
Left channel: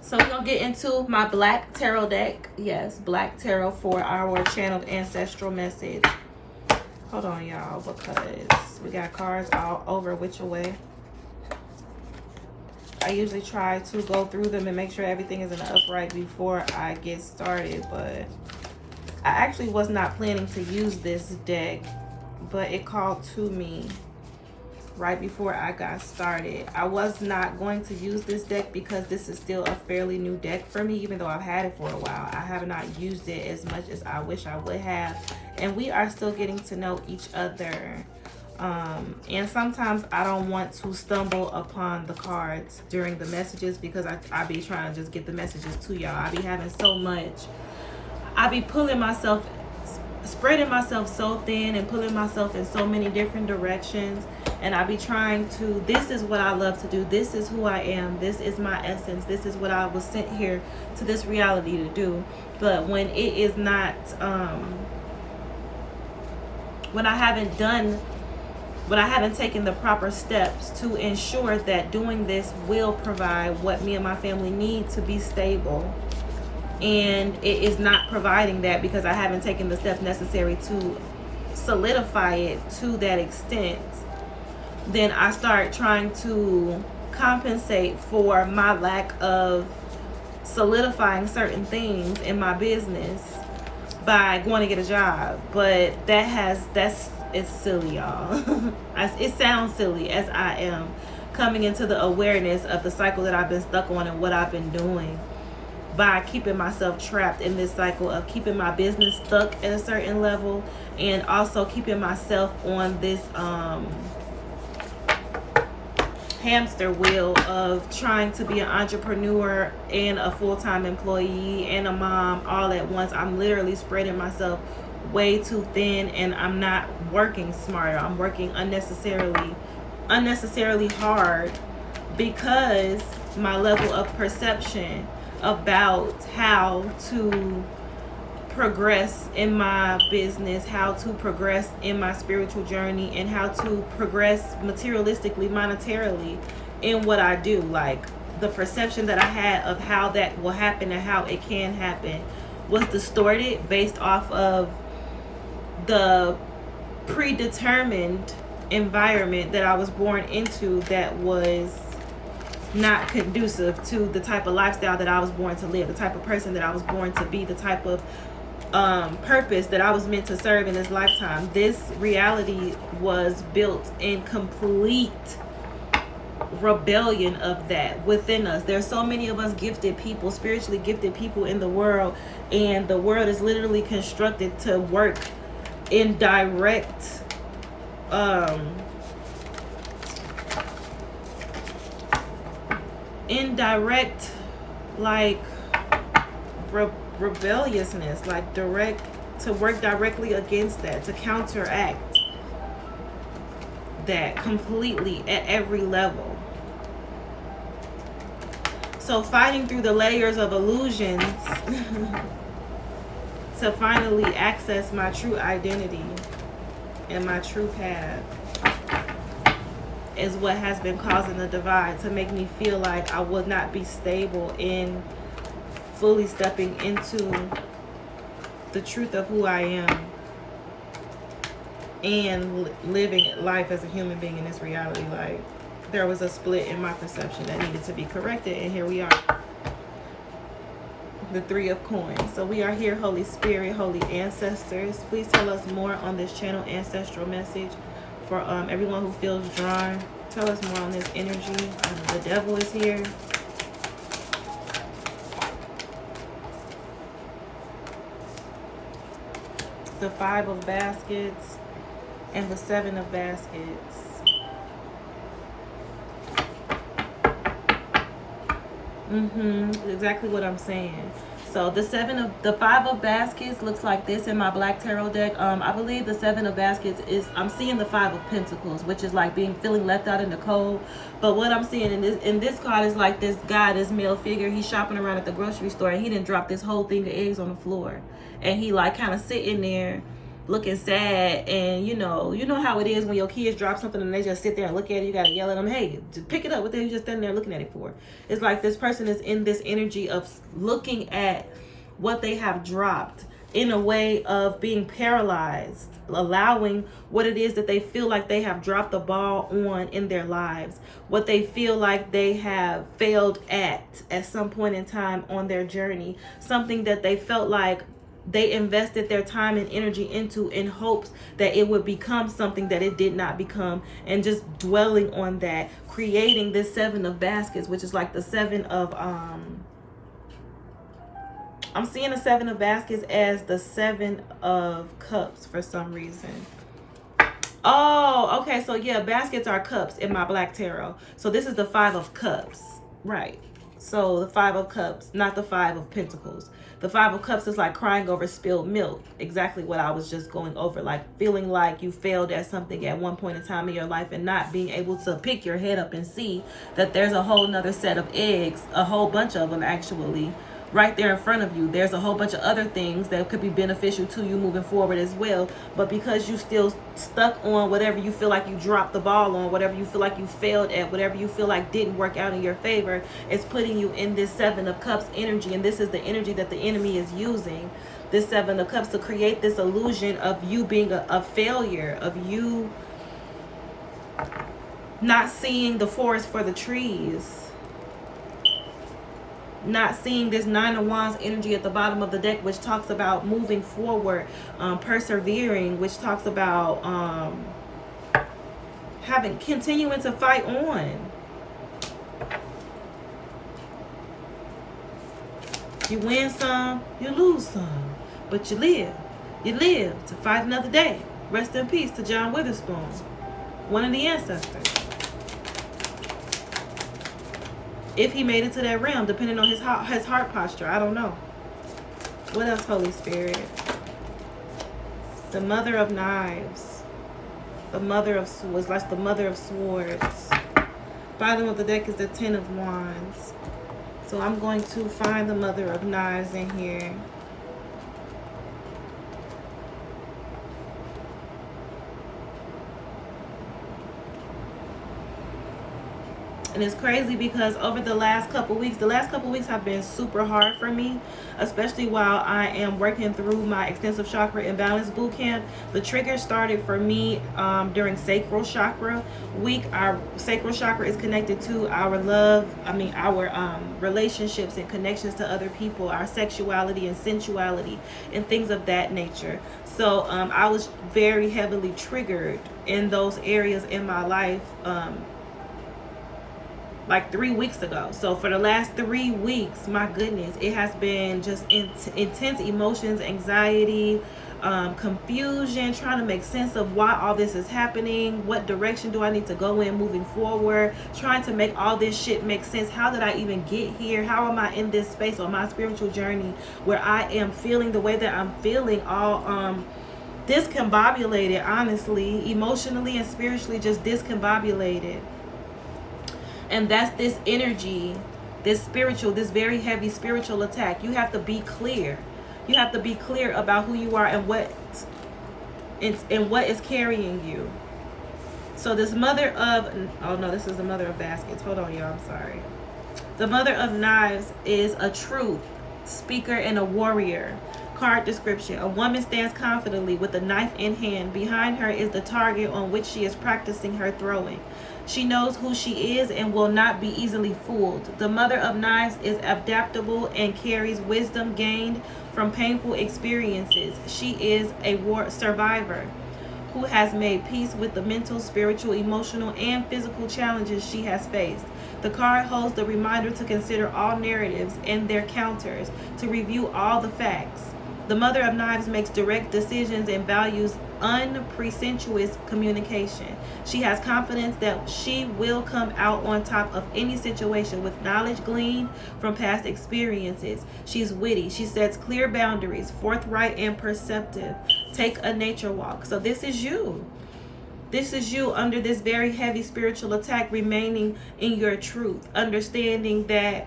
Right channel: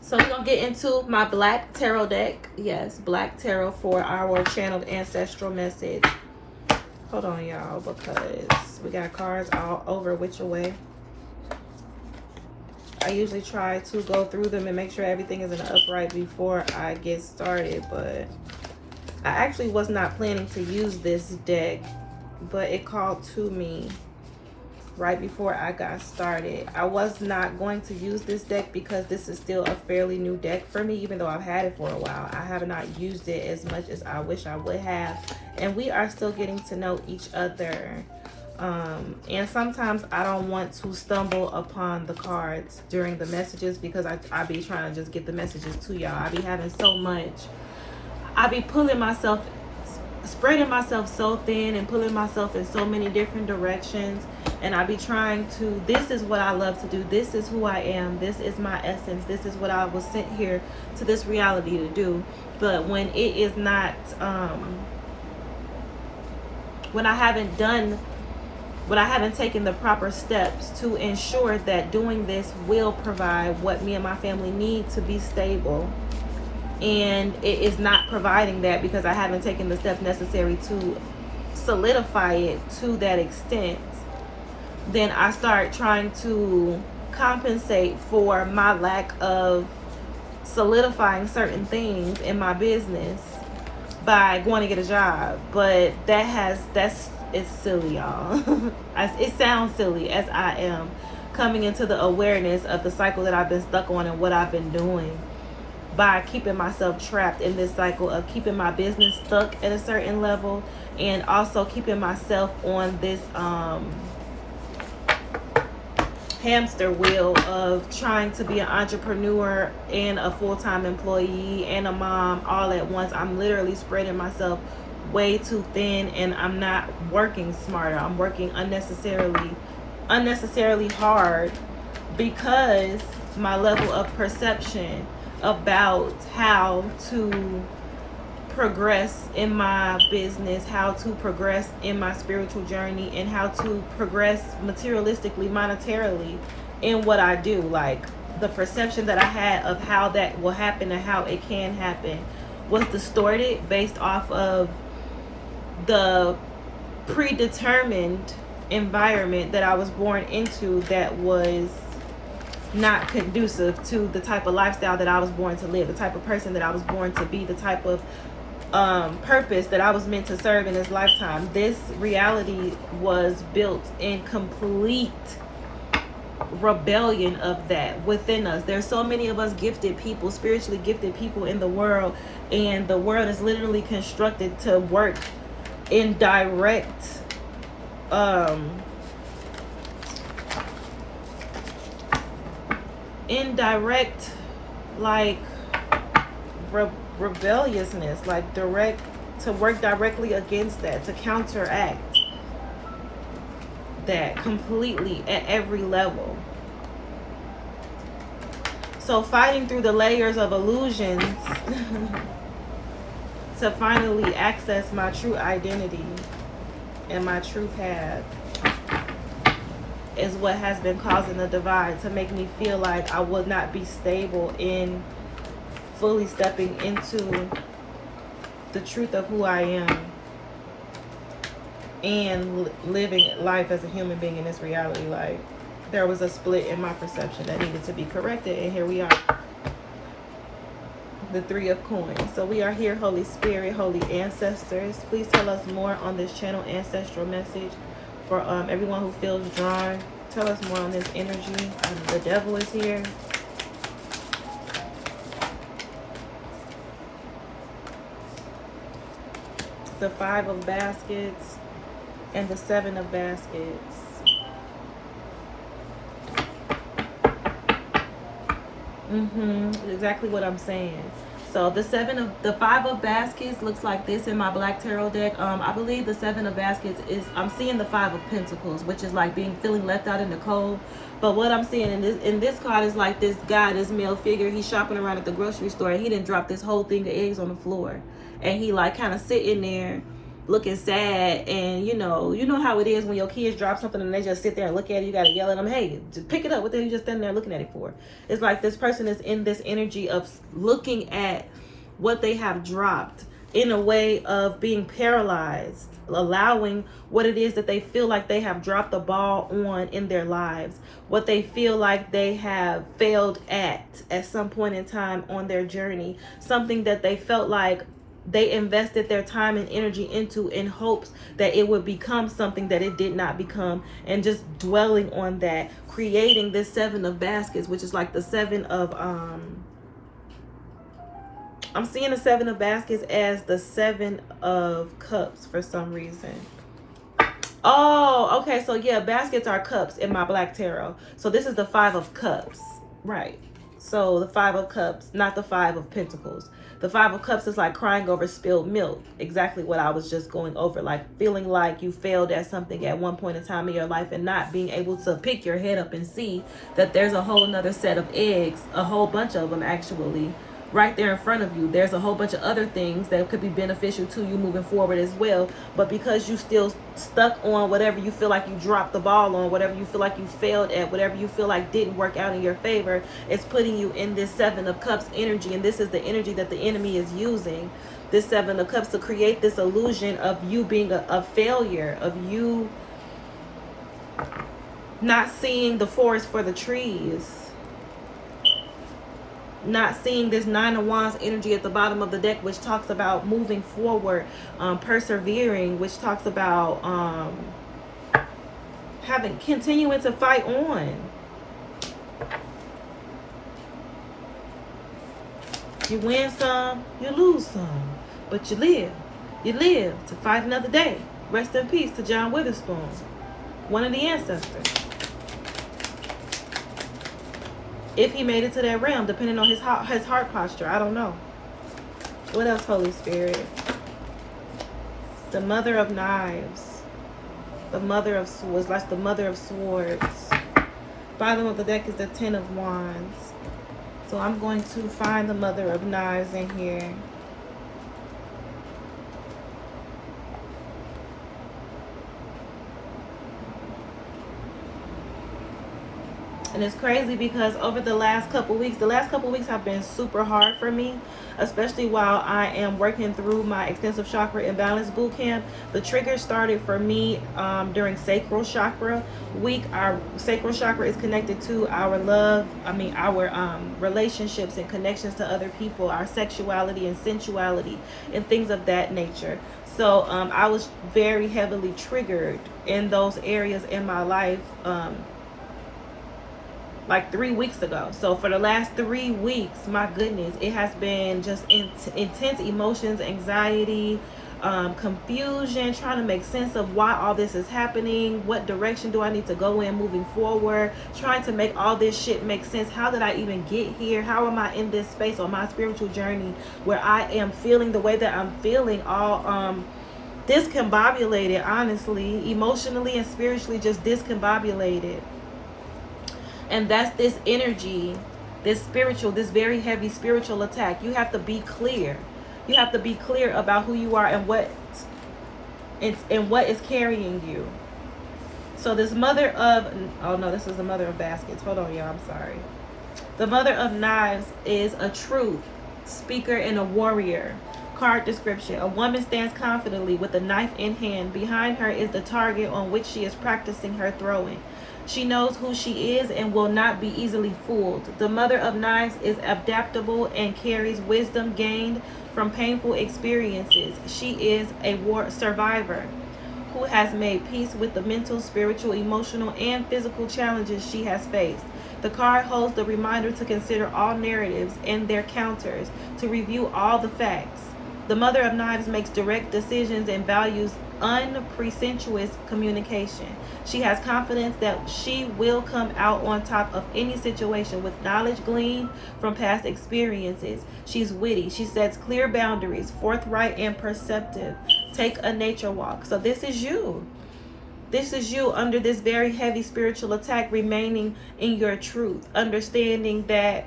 So we're going to get into my Black Tarot deck. Yes, Black Tarot for our channeled ancestral message. Hold on, y'all, because we got cards all over which way. I usually try to go through them and make sure everything is in the upright before I get started, but I actually was not planning to use this deck, but it called to me right before I got started. I was not going to use this deck because this is still a fairly new deck for me, even though I've had it for a while. I have not used it as much as I wish I would have, and we are still getting to know each other. And sometimes I don't want to stumble upon the cards during the messages because I be trying to just get the messages to y'all. I be having so much. I be pulling myself, spreading myself so thin and pulling myself in so many different directions. And I be trying to, this is what I love to do. This is who I am. This is my essence. This is what I was sent here to this reality to do. But when it is not when I haven't taken the proper steps to ensure that doing this will provide what me and my family need to be stable, and it is not providing that because I haven't taken the steps necessary to solidify it to that extent, then I start trying to compensate for my lack of solidifying certain things in my business by going to get a job. But it's silly, y'all. It sounds silly as I am coming into the awareness of the cycle that I've been stuck on and what I've been doing by keeping myself trapped in this cycle of keeping my business stuck at a certain level, and also keeping myself on this hamster wheel of trying to be an entrepreneur and a full-time employee and a mom all at once. I'm literally spreading myself way too thin, and I'm not working smarter. I'm working unnecessarily hard because my level of perception about how to progress in my business, how to progress in my spiritual journey, and how to progress materialistically, monetarily in what I do. Like, the perception that I had of how that will happen and how it can happen was distorted based off of the predetermined environment that I was born into that was not conducive to the type of lifestyle that I was born to live, the type of person that I was born to be, the type of purpose that I was meant to serve in this lifetime. This reality was built in complete rebellion of that within us. There's so many of us gifted people, spiritually gifted people in the world, and the world is literally constructed to work in direct like rebelliousness, like to work directly against that, to counteract that completely at every level. So fighting through the layers of illusions to finally access my true identity and my true path is what has been causing the divide, to make me feel like I would not be stable in fully stepping into the truth of who I am and living life as a human being in this reality. Like, there was a split in my perception that needed to be corrected, and here we are, the 3 of coins. So we are here, Holy Spirit, holy ancestors, please tell us more on this channel ancestral message for everyone who feels drawn. Tell us more on this energy. The devil is here. The 5 of baskets and the 7 of baskets. Exactly what I'm saying. So the 5 of baskets looks like this in my black tarot deck. I believe the 7 of baskets is, I'm seeing the 5 of pentacles, which is like feeling left out in the cold. But what I'm seeing in this card is like this guy, this male figure, he's shopping around at the grocery store, and he didn't drop this whole thing of eggs on the floor, and he like kind of sitting there looking sad. And you know how it is when your kids drop something and they just sit there and look at it. You gotta yell at them, hey, just pick it up. What the hell you just standing there looking at it for? It's like this person is in this energy of looking at what they have dropped in a way of being paralyzed, allowing what it is that they feel like they have dropped the ball on in their lives, what they feel like they have failed at some point in time on their journey, something that they felt like they invested their time and energy into in hopes that it would become something that it did not become, and just dwelling on that, creating this 7 of baskets, which is like the 7 of I'm seeing the 7 of baskets as the 7 of cups for some reason. Oh, okay. So yeah, baskets are cups in my black tarot. So this is the 5 of cups, right? So the 5 of cups, not the 5 of pentacles. The 5 of cups is like crying over spilled milk. Exactly what I was just going over. Like feeling like you failed at something at one point in time in your life, and not being able to pick your head up and see that there's a whole nother set of eggs, a whole bunch of them actually, right there in front of you. There's a whole bunch of other things that could be beneficial to you moving forward as well. But because you still stuck on whatever you feel like you dropped the ball on, whatever you feel like you failed at, whatever you feel like didn't work out in your favor, it's putting you in this Seven of Cups energy. And this is the energy that the enemy is using, this Seven of Cups, to create this illusion of you being a failure, of you not seeing the forest for the trees, not seeing this Nine of Wands energy at the bottom of the deck, which talks about moving forward, persevering, which talks about continuing to fight on. You win some, you lose some, but you live. You live to fight another day. Rest in peace to John Witherspoon, one of the ancestors. If he made it to that realm, depending on his heart posture. I don't know. What else, Holy Spirit? The Mother of Knives. The Mother of Swords. That's the Mother of Swords. Bottom of the deck is the Ten of Wands. So I'm going to find the Mother of Knives in here. And it's crazy because over the last couple weeks have been super hard for me, especially while I am working through my extensive chakra imbalance boot camp. The trigger started for me during sacral chakra week. Our sacral chakra is connected to our love, our relationships and connections to other people, our sexuality and sensuality and things of that nature. So I was very heavily triggered in those areas in my life like 3 weeks ago. So for the last 3 weeks, my goodness, it has been just intense emotions, anxiety, confusion, trying to make sense of why all this is happening. What direction do I need to go in moving forward? Trying to make all this shit make sense. How did I even get here? How am I in this space on my spiritual journey where I am feeling the way that I'm feeling, all discombobulated, honestly, emotionally and spiritually just discombobulated. And that's this energy, this very heavy spiritual attack. You have to be clear. You have to be clear about who you are and what is carrying you. So this Mother of, oh no, this is the Mother of Baskets. Hold on, y'all, I'm sorry. The Mother of Knives is a truth speaker and a warrior. Card description: a woman stands confidently with a knife in hand. Behind her is the target on which she is practicing her throwing. She knows who she is and will not be easily fooled. The Mother of Knives is adaptable and carries wisdom gained from painful experiences. She is a war survivor who has made peace with the mental, spiritual, emotional, and physical challenges she has faced. The card holds the reminder to consider all narratives and their counters, to review all the facts. The Mother of Knives makes direct decisions and values unpresumptuous communication. She has confidence that she will come out on top of any situation with knowledge gleaned from past experiences. She's witty. She sets clear boundaries, forthright and perceptive. Take a nature walk. So this is you. This is you under this very heavy spiritual attack, remaining in your truth, understanding that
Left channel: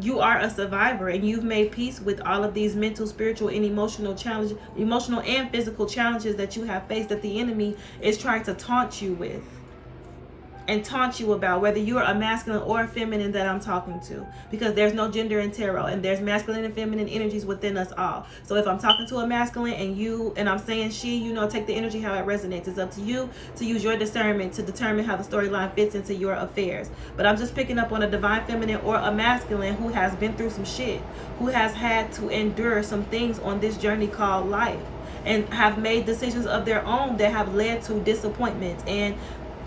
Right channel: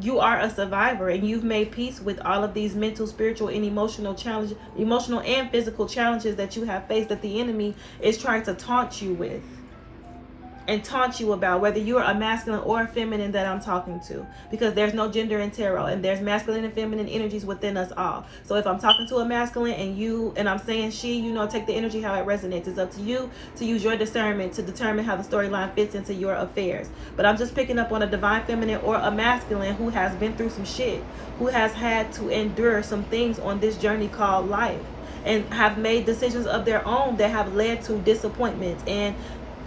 you are a survivor and you've made peace with all of these mental, spiritual, and emotional challenges, emotional and physical challenges that you have faced, that the enemy is trying to taunt you with and taunt you about, whether you're a masculine or a feminine that I'm talking to, because there's no gender in tarot and there's masculine and feminine energies within us all. So if I'm talking to a masculine and I'm saying she, take the energy how it resonates. It's up to you to use your discernment to determine how the storyline fits into your affairs. But I'm just picking up on a divine feminine or a masculine who has been through some shit, who has had to endure some things on this journey called life, and have made decisions of their own that have led to disappointments and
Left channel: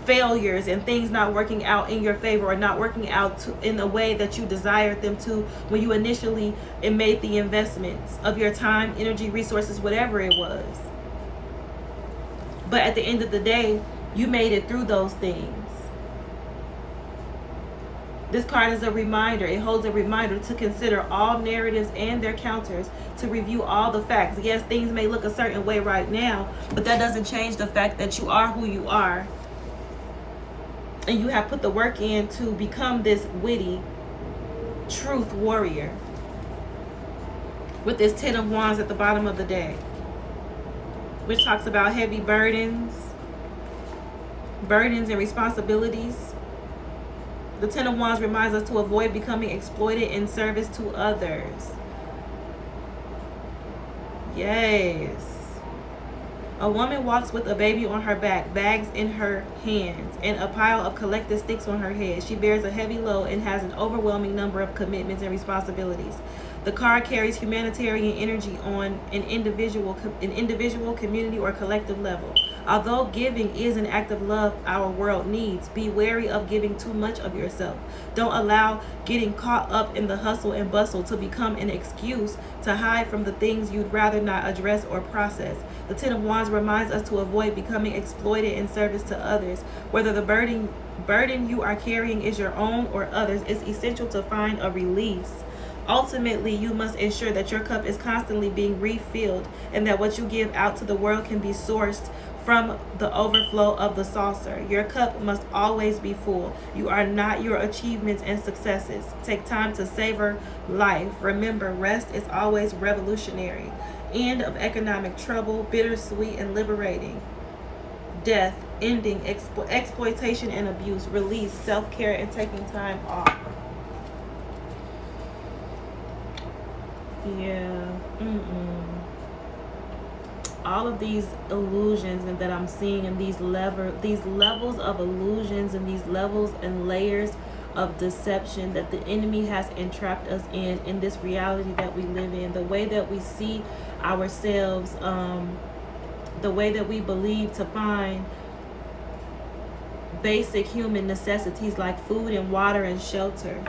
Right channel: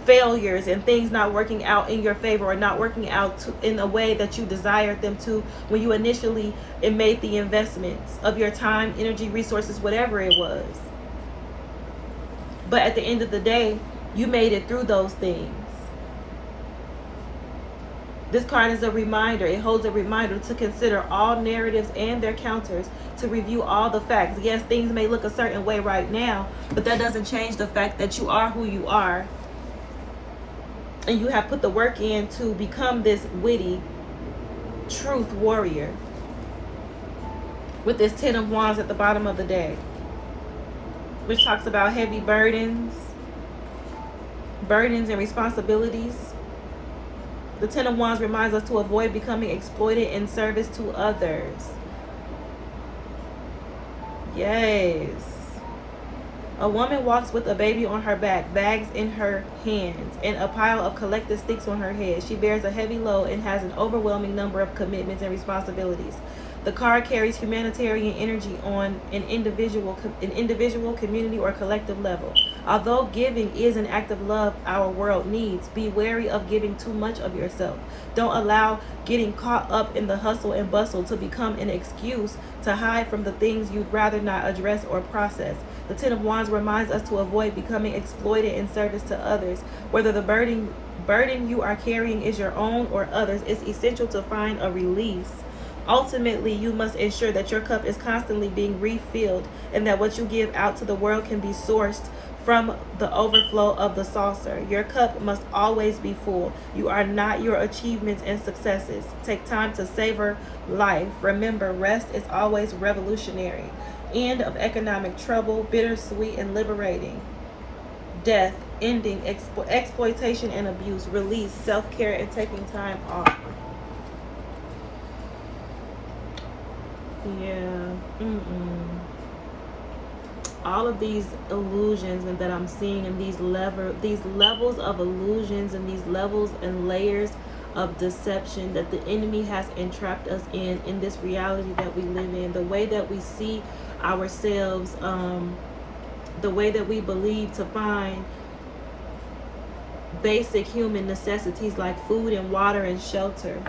failures and things not working out in your favor, or not working out in a way that you desired them to when you initially made the investments of your time, energy, resources, whatever it was. But at the end of the day, you made it through those things. This card is a reminder. It holds a reminder to consider all narratives and their counters, to review all the facts. Yes, things may look a certain way right now, but that doesn't change the fact that you are who you are. And you have put the work in to become this witty, truth warrior with this 10 of Wands at the bottom of the deck, which talks about heavy burdens and responsibilities. The 10 of Wands reminds us to avoid becoming exploited in service to others. Yes. A woman walks with a baby on her back, bags in her hands, and a pile of collected sticks on her head. She bears a heavy load and has an overwhelming number of commitments and responsibilities. The card carries humanitarian energy on an individual, community, or collective level. Although giving is an act of love our world needs, be wary of giving too much of yourself. Don't allow getting caught up in the hustle and bustle to become an excuse to hide from the things you'd rather not address or process. The 10 of Wands reminds us to avoid becoming exploited in service to others. Whether the burden you are carrying is your own or others, it's essential to find a release. Ultimately, you must ensure that your cup is constantly being refilled and that what you give out to the world can be sourced from the overflow of the saucer. Your cup must always be full. You are not your achievements and successes. Take time to savor life. Remember, rest is always revolutionary. End of economic trouble, bittersweet and liberating. Death, ending, exploitation and abuse, release, self-care, and taking time off. Yeah. All of these illusions and that I'm seeing, and these levels of illusions and these levels and layers of deception that the enemy has entrapped us in this reality that we live in, the way that we see ourselves, the way that we believe to find basic human necessities like food and water and shelter.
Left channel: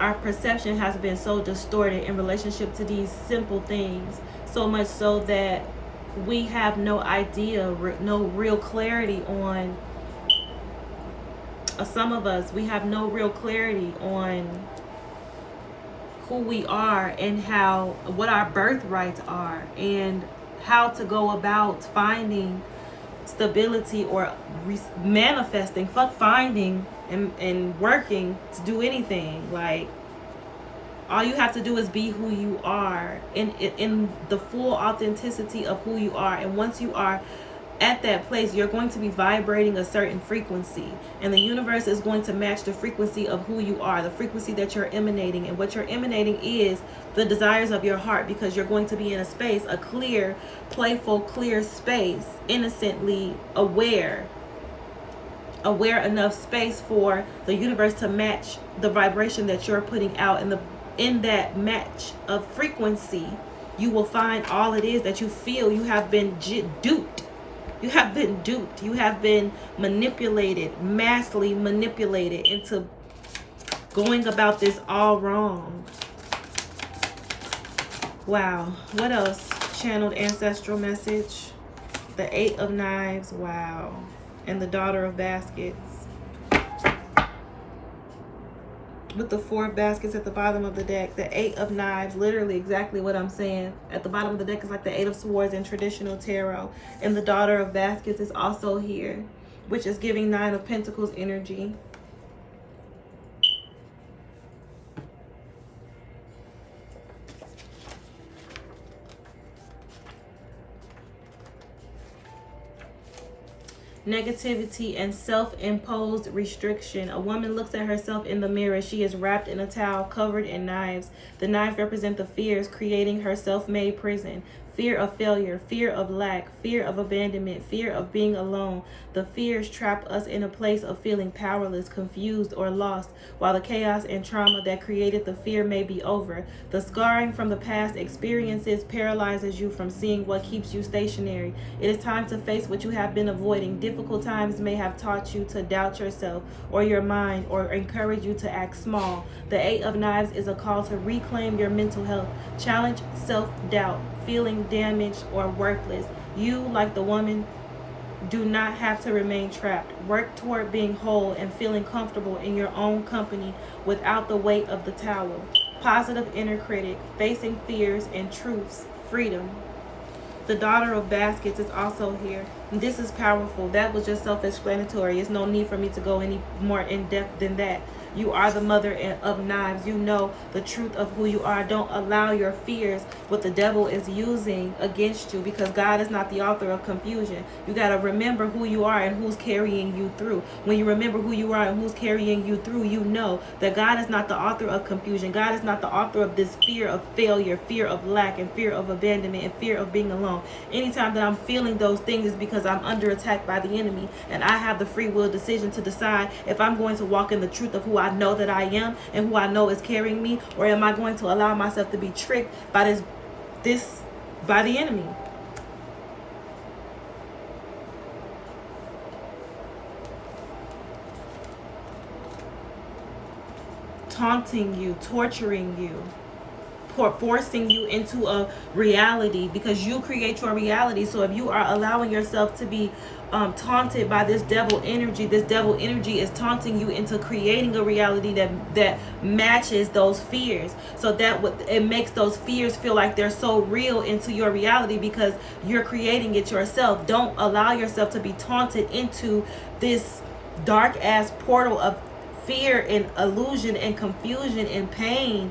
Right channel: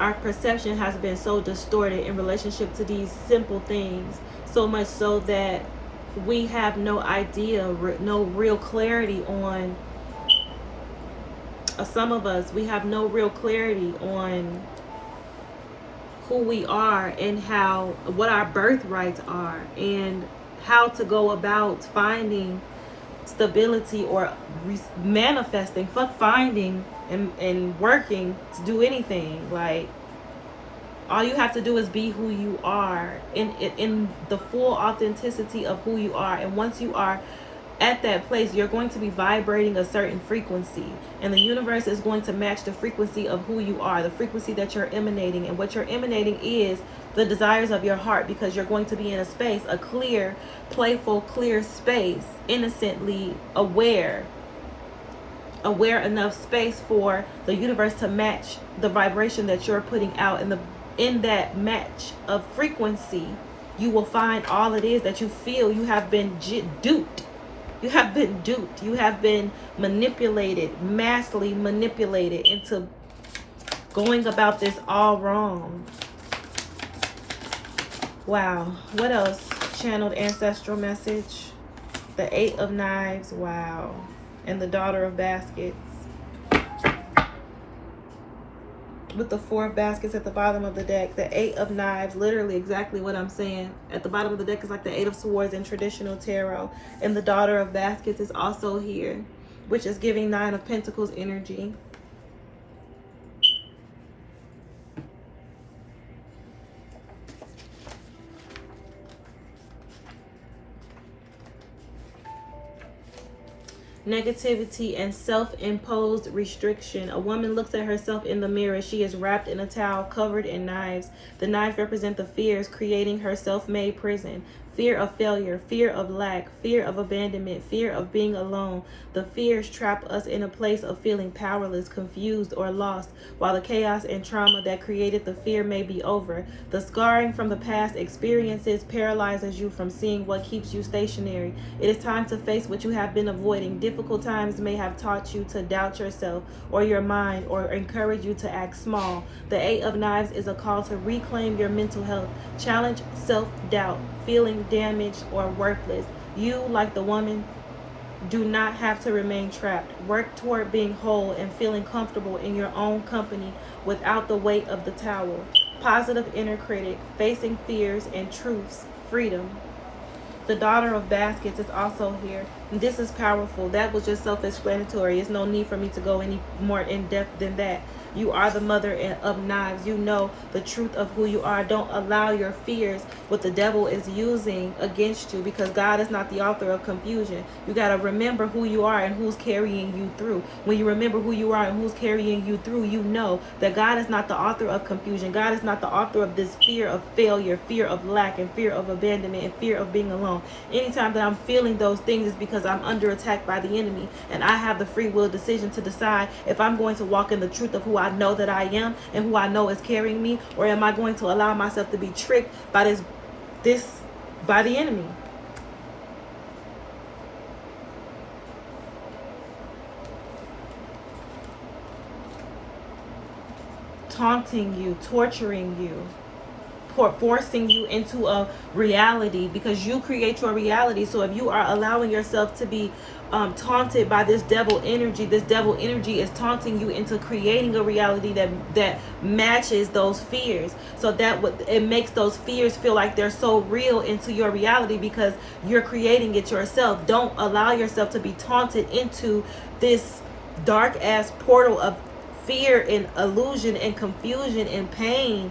Our perception has been so distorted in relationship to these simple things, so much so that we have no idea, no real clarity on, some of us, we have no real clarity on who we are and what our birthrights are, and how to go about finding stability or manifesting. Fuck finding and working to do anything. Like, all you have to do is be who you are in the full authenticity of who you are. And once you are at that place, you're going to be vibrating a certain frequency, and the universe is going to match the frequency of who you are, the frequency that you're emanating. And what you're emanating is the desires of your heart, because you're going to be in a space, a clear, playful, clear space, innocently aware enough space for the universe to match the vibration that you're putting out. And in that match of frequency, you will find all it is that you feel you have been duped. You have been duped. You have been manipulated, massively manipulated into going about this all wrong. Wow. What else? Channeled ancestral message. The 8 of Knives. Wow. And the Daughter of Baskets. With the 4 of Baskets at the bottom of the deck. The 8 of Knives, literally exactly what I'm saying. At the bottom of the deck is like the 8 of Swords in traditional tarot. And the Daughter of Baskets is also here, which is giving 9 of Pentacles energy. Negativity and self-imposed restriction. A woman looks at herself in the mirror. She is wrapped in a towel covered in knives. The knives represent the fears creating her self-made prison. Fear of failure, fear of lack, fear of abandonment, fear of being alone. The fears trap us in a place of feeling powerless, confused, or lost. While the chaos and trauma that created the fear may be over, the scarring from the past experiences paralyzes you from seeing what keeps you stationary. It is time to face what you have been avoiding. Difficult times may have taught you to doubt yourself or your mind, or encourage you to act small. The 8 of Knives is a call to reclaim your mental health. Challenge self-doubt, feeling damaged or worthless. You, like the woman, do not have to remain trapped. Work toward being whole and feeling comfortable in your own company without the weight of the towel. Positive inner critic, facing fears and truths, freedom. The Daughter of Baskets is also here. This is powerful. That was just self-explanatory. There's no need for me to go any more in depth than that. You are the mother of knives. You know the truth of who you are. Don't allow your fears, what the devil is using against you, because God is not the author of confusion. You got to remember who you are and who's carrying you through. When you remember who you are and who's carrying you through, you know that God is not the author of confusion. God is not the author of this fear of failure, fear of lack, and fear of abandonment, and fear of being alone. Anytime that I'm feeling those things is because I'm under attack by the enemy, and I have the free will decision to decide if I'm going to walk in the truth of who I know that I am and who I know is carrying me, or am I going to allow myself to be tricked by by the enemy. Taunting you, torturing you, forcing you into a reality, because you create your reality. So if you are allowing yourself to be taunted by this devil energy is taunting you into creating a reality that matches those fears, so that it makes those fears feel like they're so real into your reality, because you're creating it yourself. Don't allow yourself to be taunted into this dark ass portal of fear and illusion and confusion and pain.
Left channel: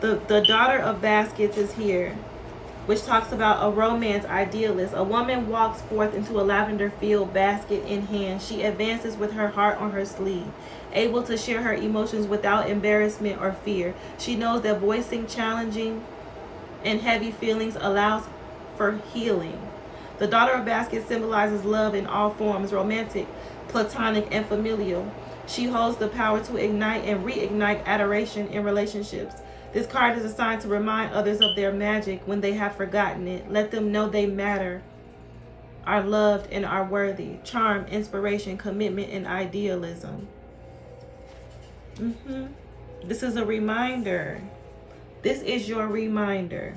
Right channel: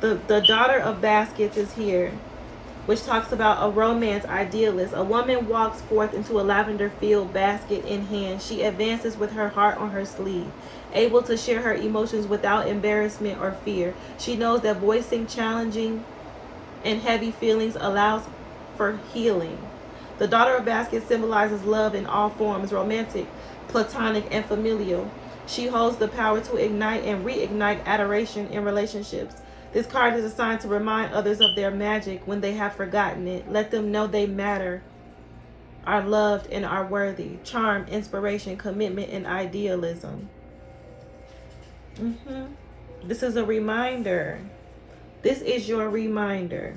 The daughter of baskets is here, which talks about a romance idealist. A woman walks forth into a lavender field, basket in hand. She advances with her heart on her sleeve, able to share her emotions without embarrassment or fear. She knows that voicing challenging and heavy feelings allows for healing. The daughter of baskets symbolizes love in all forms, romantic, platonic, and familial. She holds the power to ignite and reignite adoration in relationships. This card is assigned to remind others of their magic when they have forgotten it. Let them know they matter, are loved, and are worthy. Charm, inspiration, commitment, and idealism. This is a reminder. This is your reminder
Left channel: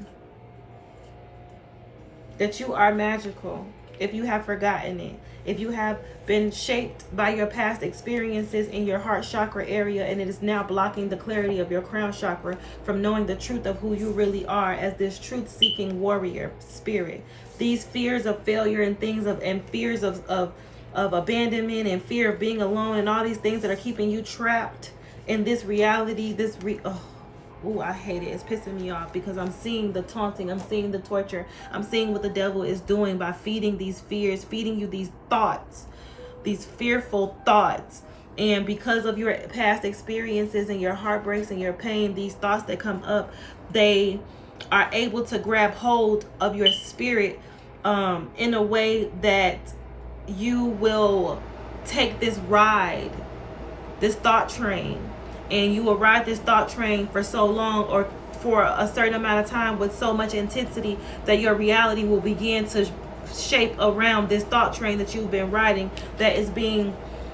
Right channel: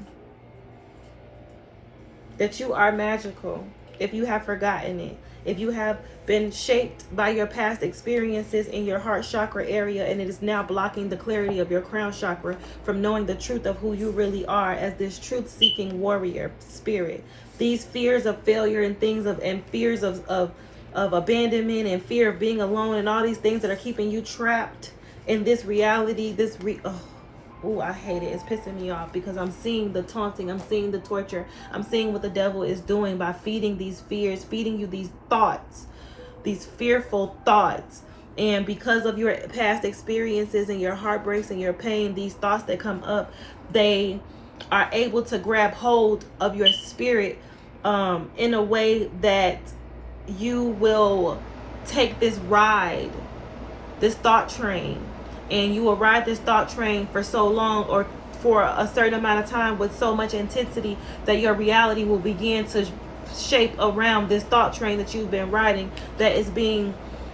that you are magical if you have forgotten it. If you have been shaped by your past experiences in your heart chakra area, and it is now blocking the clarity of your crown chakra from knowing the truth of who you really are as this truth-seeking warrior spirit. These fears of failure and fears of abandonment and fear of being alone and all these things that are keeping you trapped in this reality, I hate it. It's pissing me off, because I'm seeing the taunting, I'm seeing the torture, I'm seeing what the devil is doing by feeding these fears, feeding you these thoughts, these fearful thoughts. And because of your past experiences and your heartbreaks and your pain, these thoughts that come up, they are able to grab hold of your spirit in a way that you will take this ride, this thought train. And you will ride this thought train for so long, or for a certain amount of time, with so much intensity that your reality will begin to shape around this thought train that you've been riding,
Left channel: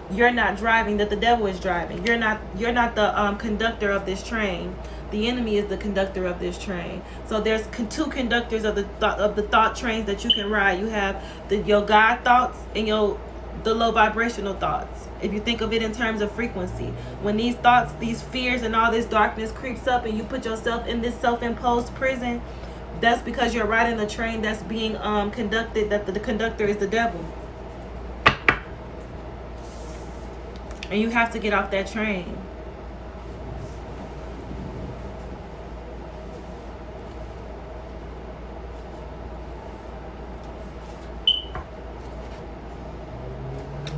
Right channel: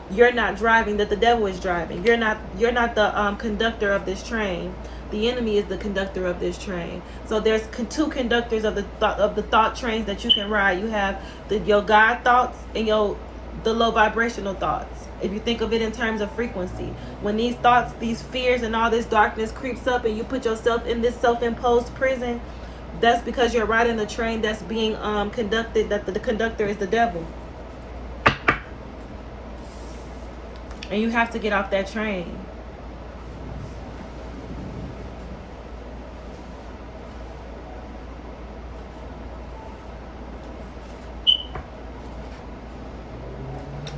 you're not driving, that the devil is driving. You're not the conductor of this train. The enemy is the conductor of this train. So there's two conductors of the thought trains that you can ride. You have your God thoughts and the low vibrational thoughts. If you think of it in terms of frequency, when these thoughts, these fears, and all this darkness creeps up, and you put yourself in this self-imposed prison, that's because you're riding a train that's being conducted, that the conductor is the devil. And you have to get off that train.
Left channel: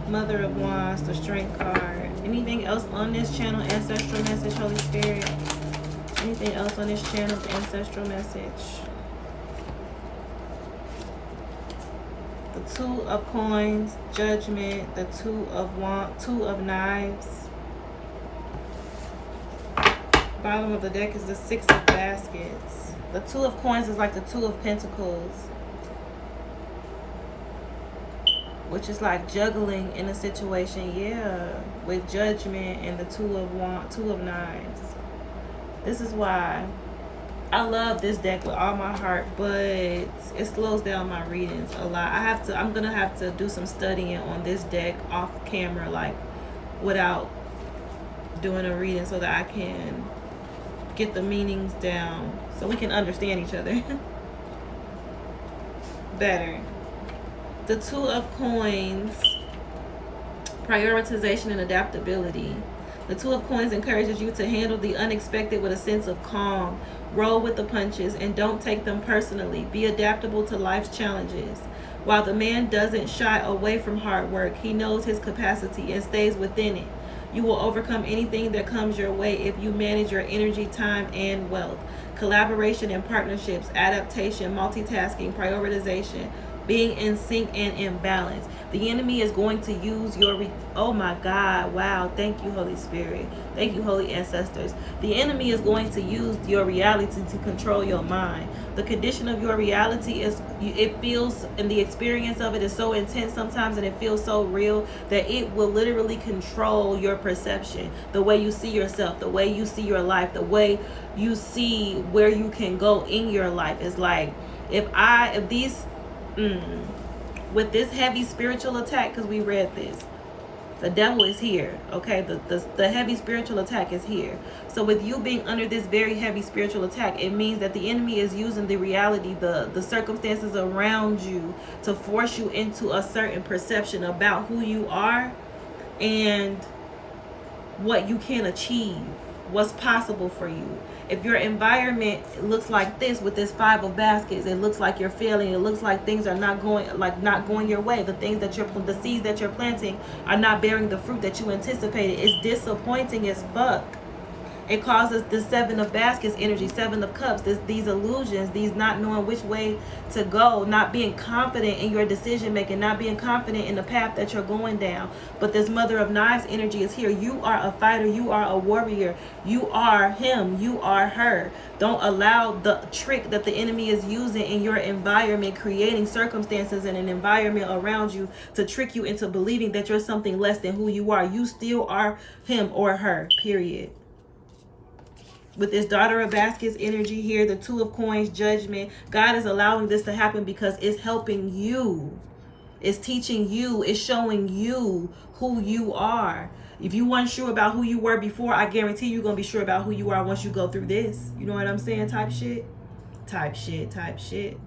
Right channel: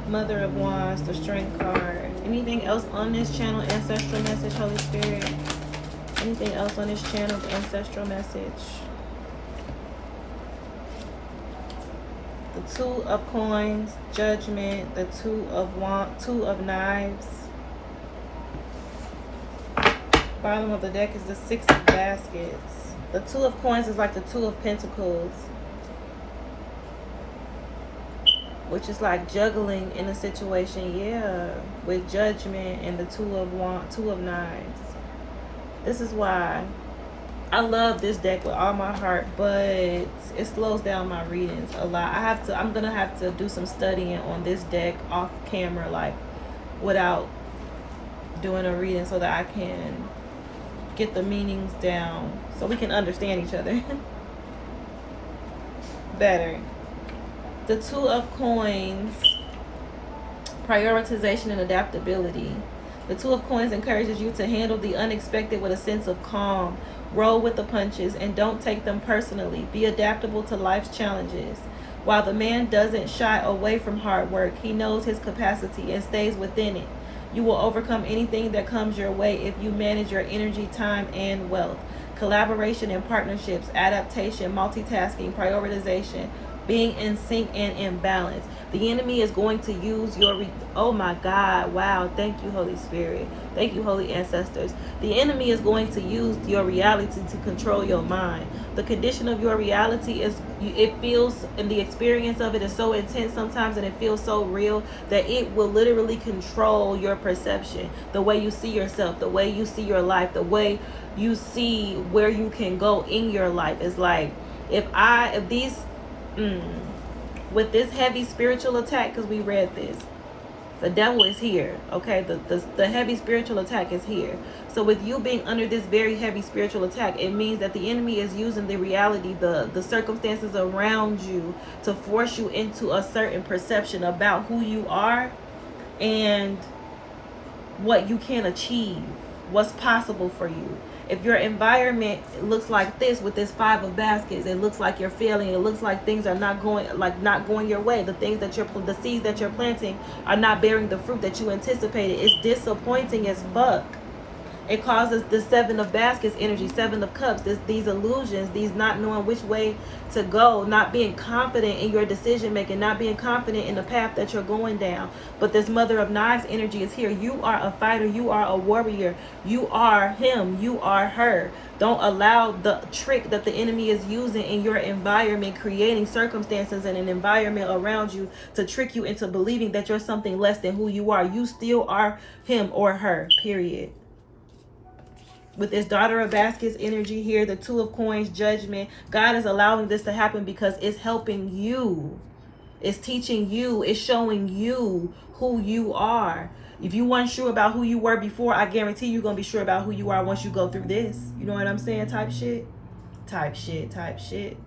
Mother of Wands, the Strength card. Anything else on this channel? Ancestral message, Holy Spirit. Anything else on this channel? Ancestral message. The Two of Coins, Judgment. The Two of Knives. Bottom of the deck is the Six of Baskets. The Two of Coins is like the Two of Pentacles, which is like juggling in a situation, with Judgment and the Two of Knives. This is why I love this deck with all my heart, but it slows down my readings a lot. I'm gonna have to do some studying on this deck off camera, like without doing a reading, so that I can get the meanings down, so we can understand each other better. The Two of Coins, Prioritization and adaptability. The Two of Coins encourages you to handle the unexpected with a sense of calm. Roll with the punches and don't take them personally. Be adaptable to life's challenges. While the man doesn't shy away from hard work, he knows his capacity and stays within it. You will overcome anything that comes your way if you manage your energy, time, and wealth. Collaboration and partnerships, adaptation, multitasking, prioritization, being in sync and in balance. The enemy is going to use your oh my God, wow, thank you, Holy Spirit, thank you, holy ancestors. The enemy is going to use your reality to control your mind. The condition of your reality is, it feels, and the experience of it is so intense sometimes, and it feels so real that it will literally control your perception, the way you see yourself, the way you see your life, the way you see where you can go in your life. It's like, if these with this heavy spiritual attack, because we read this, the devil is here, okay? The heavy spiritual attack is here. So with you being under this very heavy spiritual attack, it means that the enemy is using the reality, the circumstances around you, to force you into a certain perception about who you are and what you can achieve, what's possible for you. If your environment looks like this with this 5 of baskets, it looks like you're failing. It looks like things are not going your way. The things that the seeds that you're planting are not bearing the fruit that you anticipated. It's disappointing as fuck. It causes the 7 of baskets energy, 7 of cups, these illusions, these not knowing which way to go, not being confident in your decision making, not being confident in the path that you're going down. But this Mother of Knives energy is here. You are a fighter. You are a warrior. You are him. You are her. Don't allow the trick that the enemy is using in your environment, creating circumstances and an environment around you to trick you into believing that you're something less than who you are. You still are him or her, period. With this Daughter of Baskets energy here, the 2 of Coins, judgment, God is allowing this to happen because it's helping you. It's teaching you. It's showing you who you are. If you weren't sure about who you were before, I guarantee you're going to be sure about who you are once you go through this. You know what I'm saying? Type shit. Type shit. Type shit.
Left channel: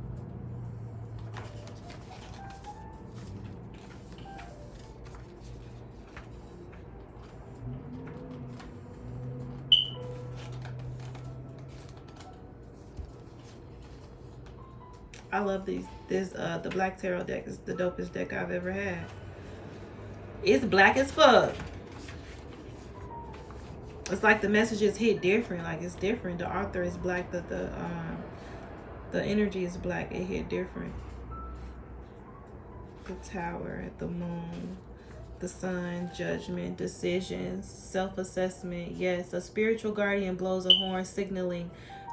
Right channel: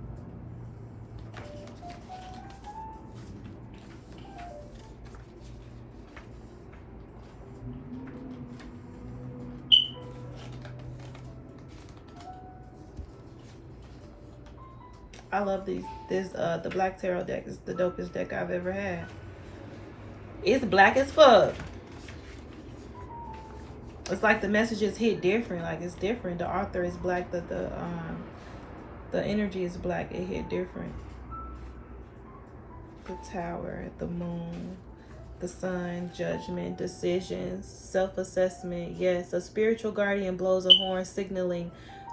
I love the Black Tarot deck. It's the dopest deck I've ever had. It's black as fuck. It's like the messages hit different. Like, it's different. The author is black. The energy is black. It hit different. The Tower, the Moon, the Sun, judgment, decisions, self-assessment. Yes, a spiritual guardian blows a horn signaling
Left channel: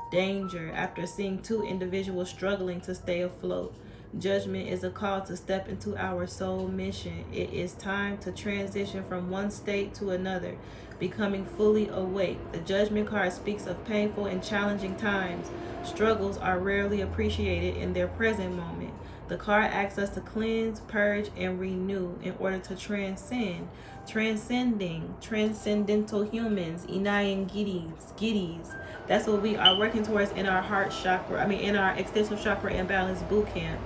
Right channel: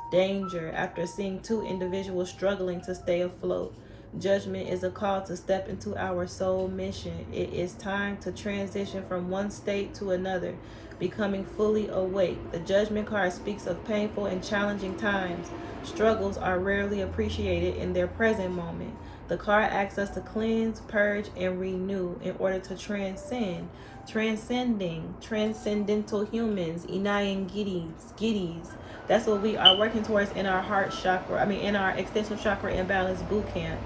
danger after seeing 2 individuals struggling to stay afloat. Judgment is a call to step into our soul mission. It is time to transition from one state to another, becoming fully awake. The Judgment card speaks of painful and challenging times. Struggles are rarely appreciated in their present moment. The card asks us to cleanse, purge, and renew in order to transcend. Transcendental humans, Inayan Giddies. That's what we are working towards in our heart chakra. In our extensive chakra imbalance boot camp.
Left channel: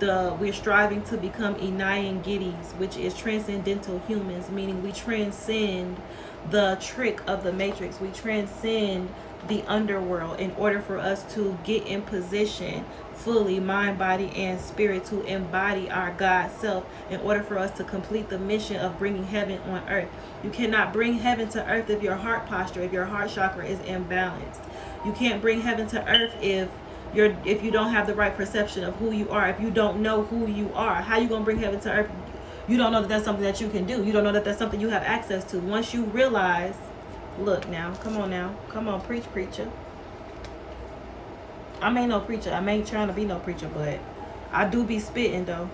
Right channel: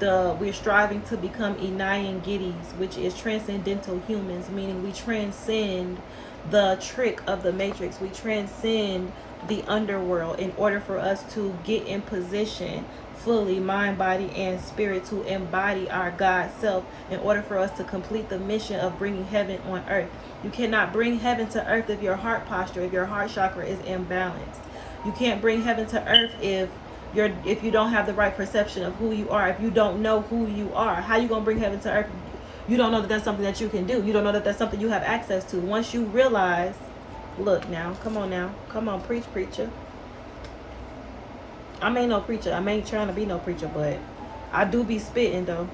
We're striving to become Inayan Giddies, which is transcendental humans, meaning we transcend the trick of the matrix. We transcend the underworld in order for us to get in position fully, mind, body, and spirit, to embody our God self in order for us to complete the mission of bringing heaven on earth. You cannot bring heaven to earth if your heart posture, if your heart chakra is imbalanced. You can't bring heaven to earth if you don't have the right perception of who you are, if you don't know who you are. How you gonna bring heaven to earth? You don't know that that's something that you can do. You don't know that that's something you have access to. Once you realize, look now, come on, preach, preacher. I ain't no preacher. I ain't trying to be no preacher, but I do be spitting though.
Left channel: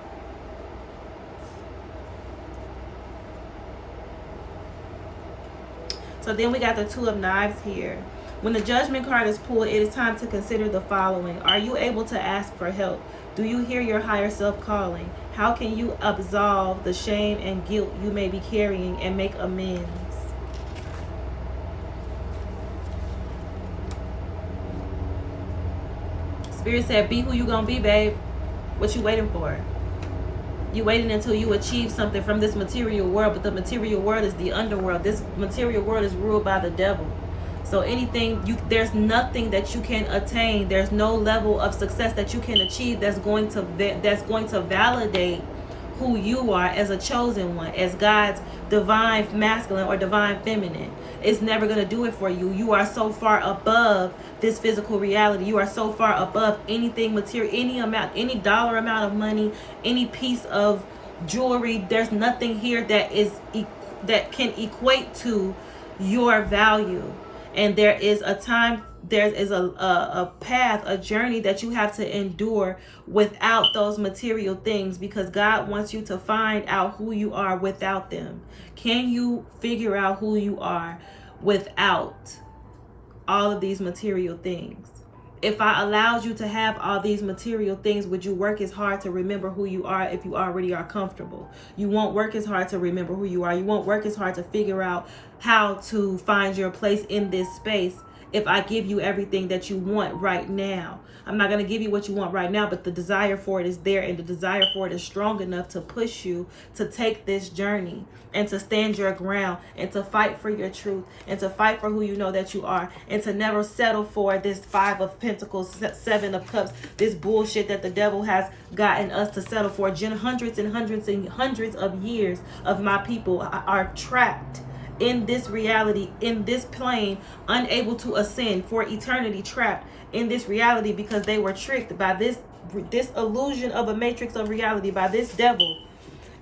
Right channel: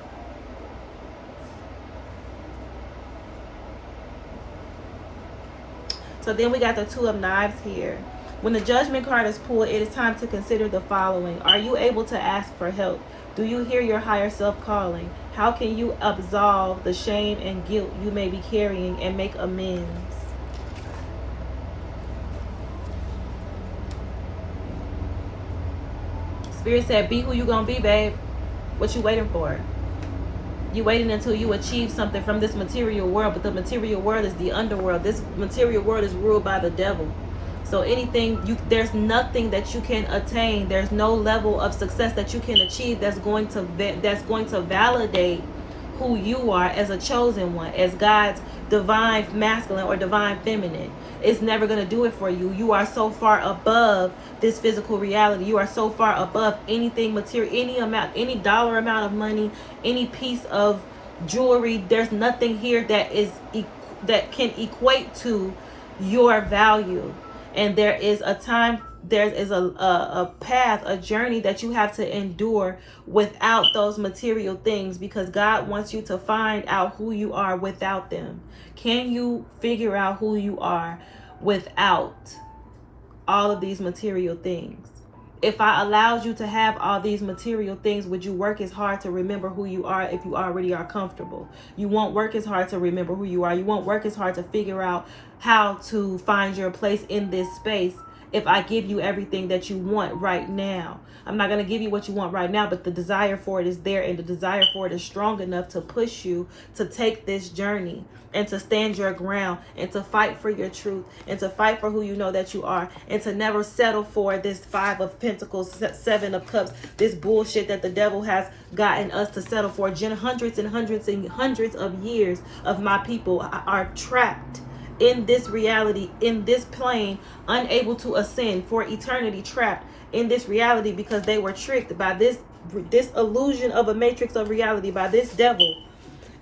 So then we got the 2 of Knives here. When the Judgment card is pulled, it is time to consider the following. Are you able to ask for help? Do you hear your higher self calling? How can you absolve the shame and guilt you may be carrying and make amends? Spirit said, be who you gonna be, babe. What you waiting for? You waiting until you achieve something from this material world, but the material world is the underworld. This material world is ruled by the devil. So there's nothing that you can attain. There's no level of success that you can achieve that's going to validate who you are as a chosen one, as God's divine masculine or divine feminine. It's never going to do it for you. You are so far above this physical reality. You are so far above anything material, any dollar amount of money, any piece of jewelry. There's nothing here that can equate to your value. And there is a path, a journey that you have to endure without those material things, because God wants you to find out who you are without them. Can you figure out who you are without all of these material things? If I allowed you to have all these material things, would you work as hard to remember who you are if you already are comfortable? You won't work as hard to remember who you are. You won't work as hard to figure out how to find your place in this space if I give you everything that you want right now. I'm not going to give you what you want right now, but the desire for it is there, and the desire for it is strong enough to push you to take this journey and to stand your ground and to fight for your truth and to fight for who you know that you are, and to never settle for this 5 of Pentacles, 7 of Cups, this bullshit that the devil has gotten us to settle for. Hundreds and hundreds and hundreds of years of my people are trapped in this reality, in this plane, unable to ascend for eternity, trapped in this reality because they were tricked by this illusion of a matrix of reality, by this devil,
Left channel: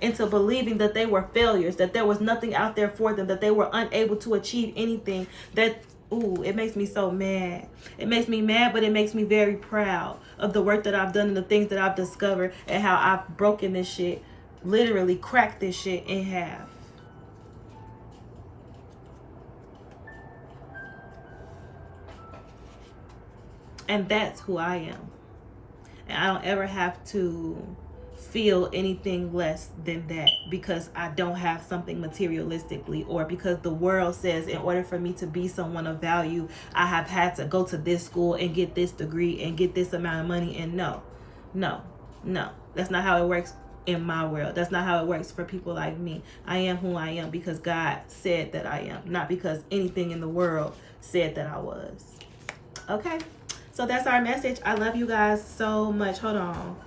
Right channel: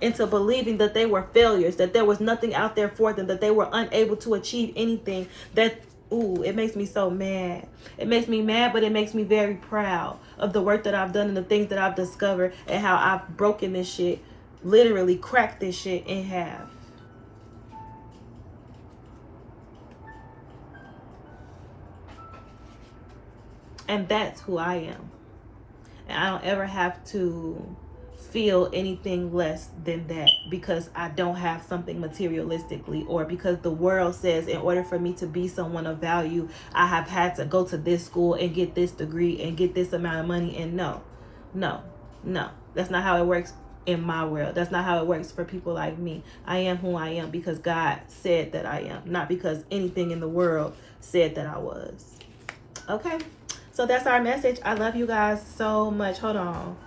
into believing that they were failures, that there was nothing out there for them, that they were unable to achieve anything. It makes me so mad. It makes me mad, but it makes me very proud of the work that I've done and the things that I've discovered, and how I've broken this shit, literally cracked this shit in half. And that's who I am. And I don't ever have to feel anything less than that because I don't have something materialistically, or because the world says in order for me to be someone of value, I have had to go to this school and get this degree and get this amount of money. And no, that's not how it works in my world. That's not how it works for people like me. I am who I am because God said that I am, not because anything in the world said that I was. Okay, so that's our message. I love you guys so much. Hold on.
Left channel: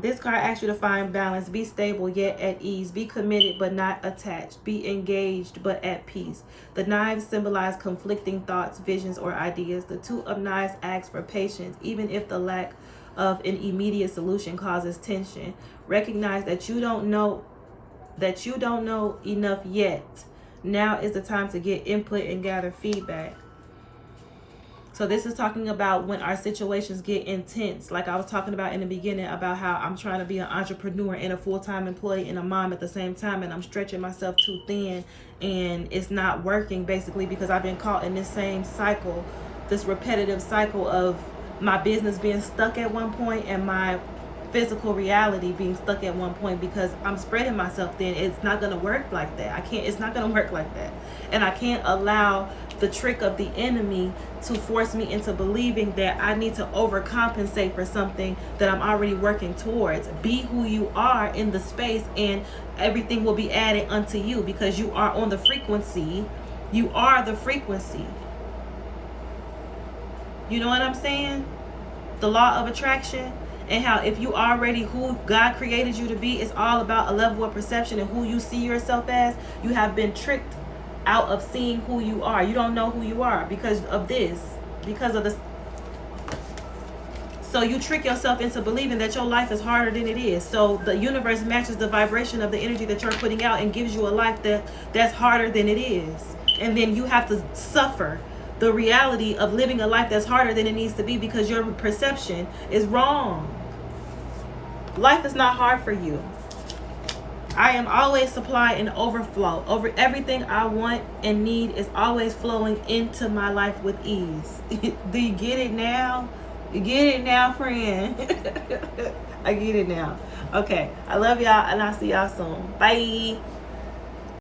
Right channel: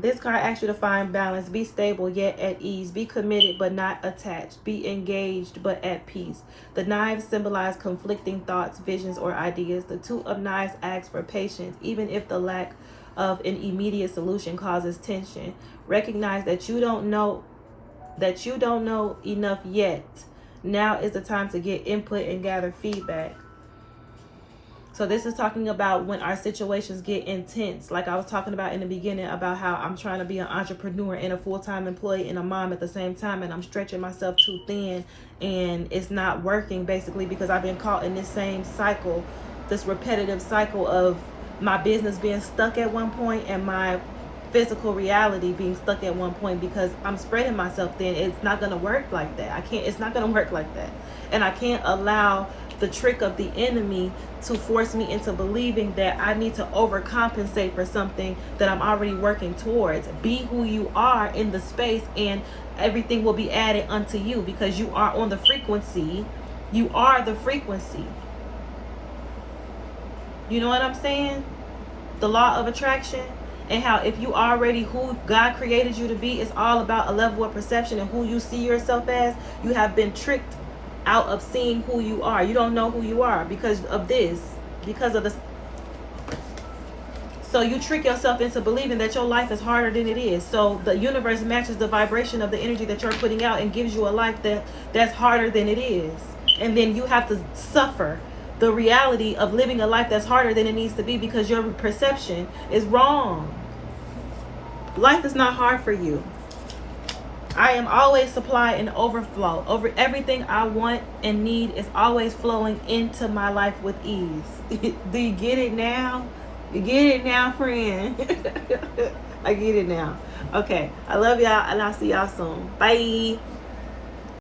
This card asks you to find balance. Be stable yet at ease. Be committed but not attached. Be engaged but at peace. The knives symbolize conflicting thoughts, visions, or ideas. The 2 of Knives asks for patience, even if the lack of an immediate solution causes tension. Recognize that you don't know enough yet. Now is the time to get input and gather feedback. So this is talking about when our situations get intense. Like I was talking about in the beginning about how I'm trying to be an entrepreneur and a full-time employee and a mom at the same time, and I'm stretching myself too thin and it's not working, basically because I've been caught in this same cycle, this repetitive cycle of my business being stuck at one point and my physical reality being stuck at one point, because I'm spreading myself thin. It's not going to work like that. It's not going to work like that. And I can't allow the trick of the enemy to force me into believing that I need to overcompensate for something that I'm already working towards. Be who you are in the space and everything will be added unto you, because you are on the frequency. You are the frequency. You know what I'm saying? The law of attraction. And how if you already who God created you to be, it's all about a level of perception and who you see yourself as. You have been tricked out of seeing who you are. You don't know who you are because of this, because of this. So you trick yourself into believing that your life is harder than it is. So the universe matches the vibration of the energy that you're putting out and gives you a life that's harder than it is. And then you have to suffer the reality of living a life that's harder than it needs to be because your perception is wrong. Life is not hard for you. I am always supply and overflow. Over everything I want and need is always flowing into my life with ease. Do you get it now? You get it now, friend? I get it now. Okay. I love y'all and I'll see y'all soon. Bye.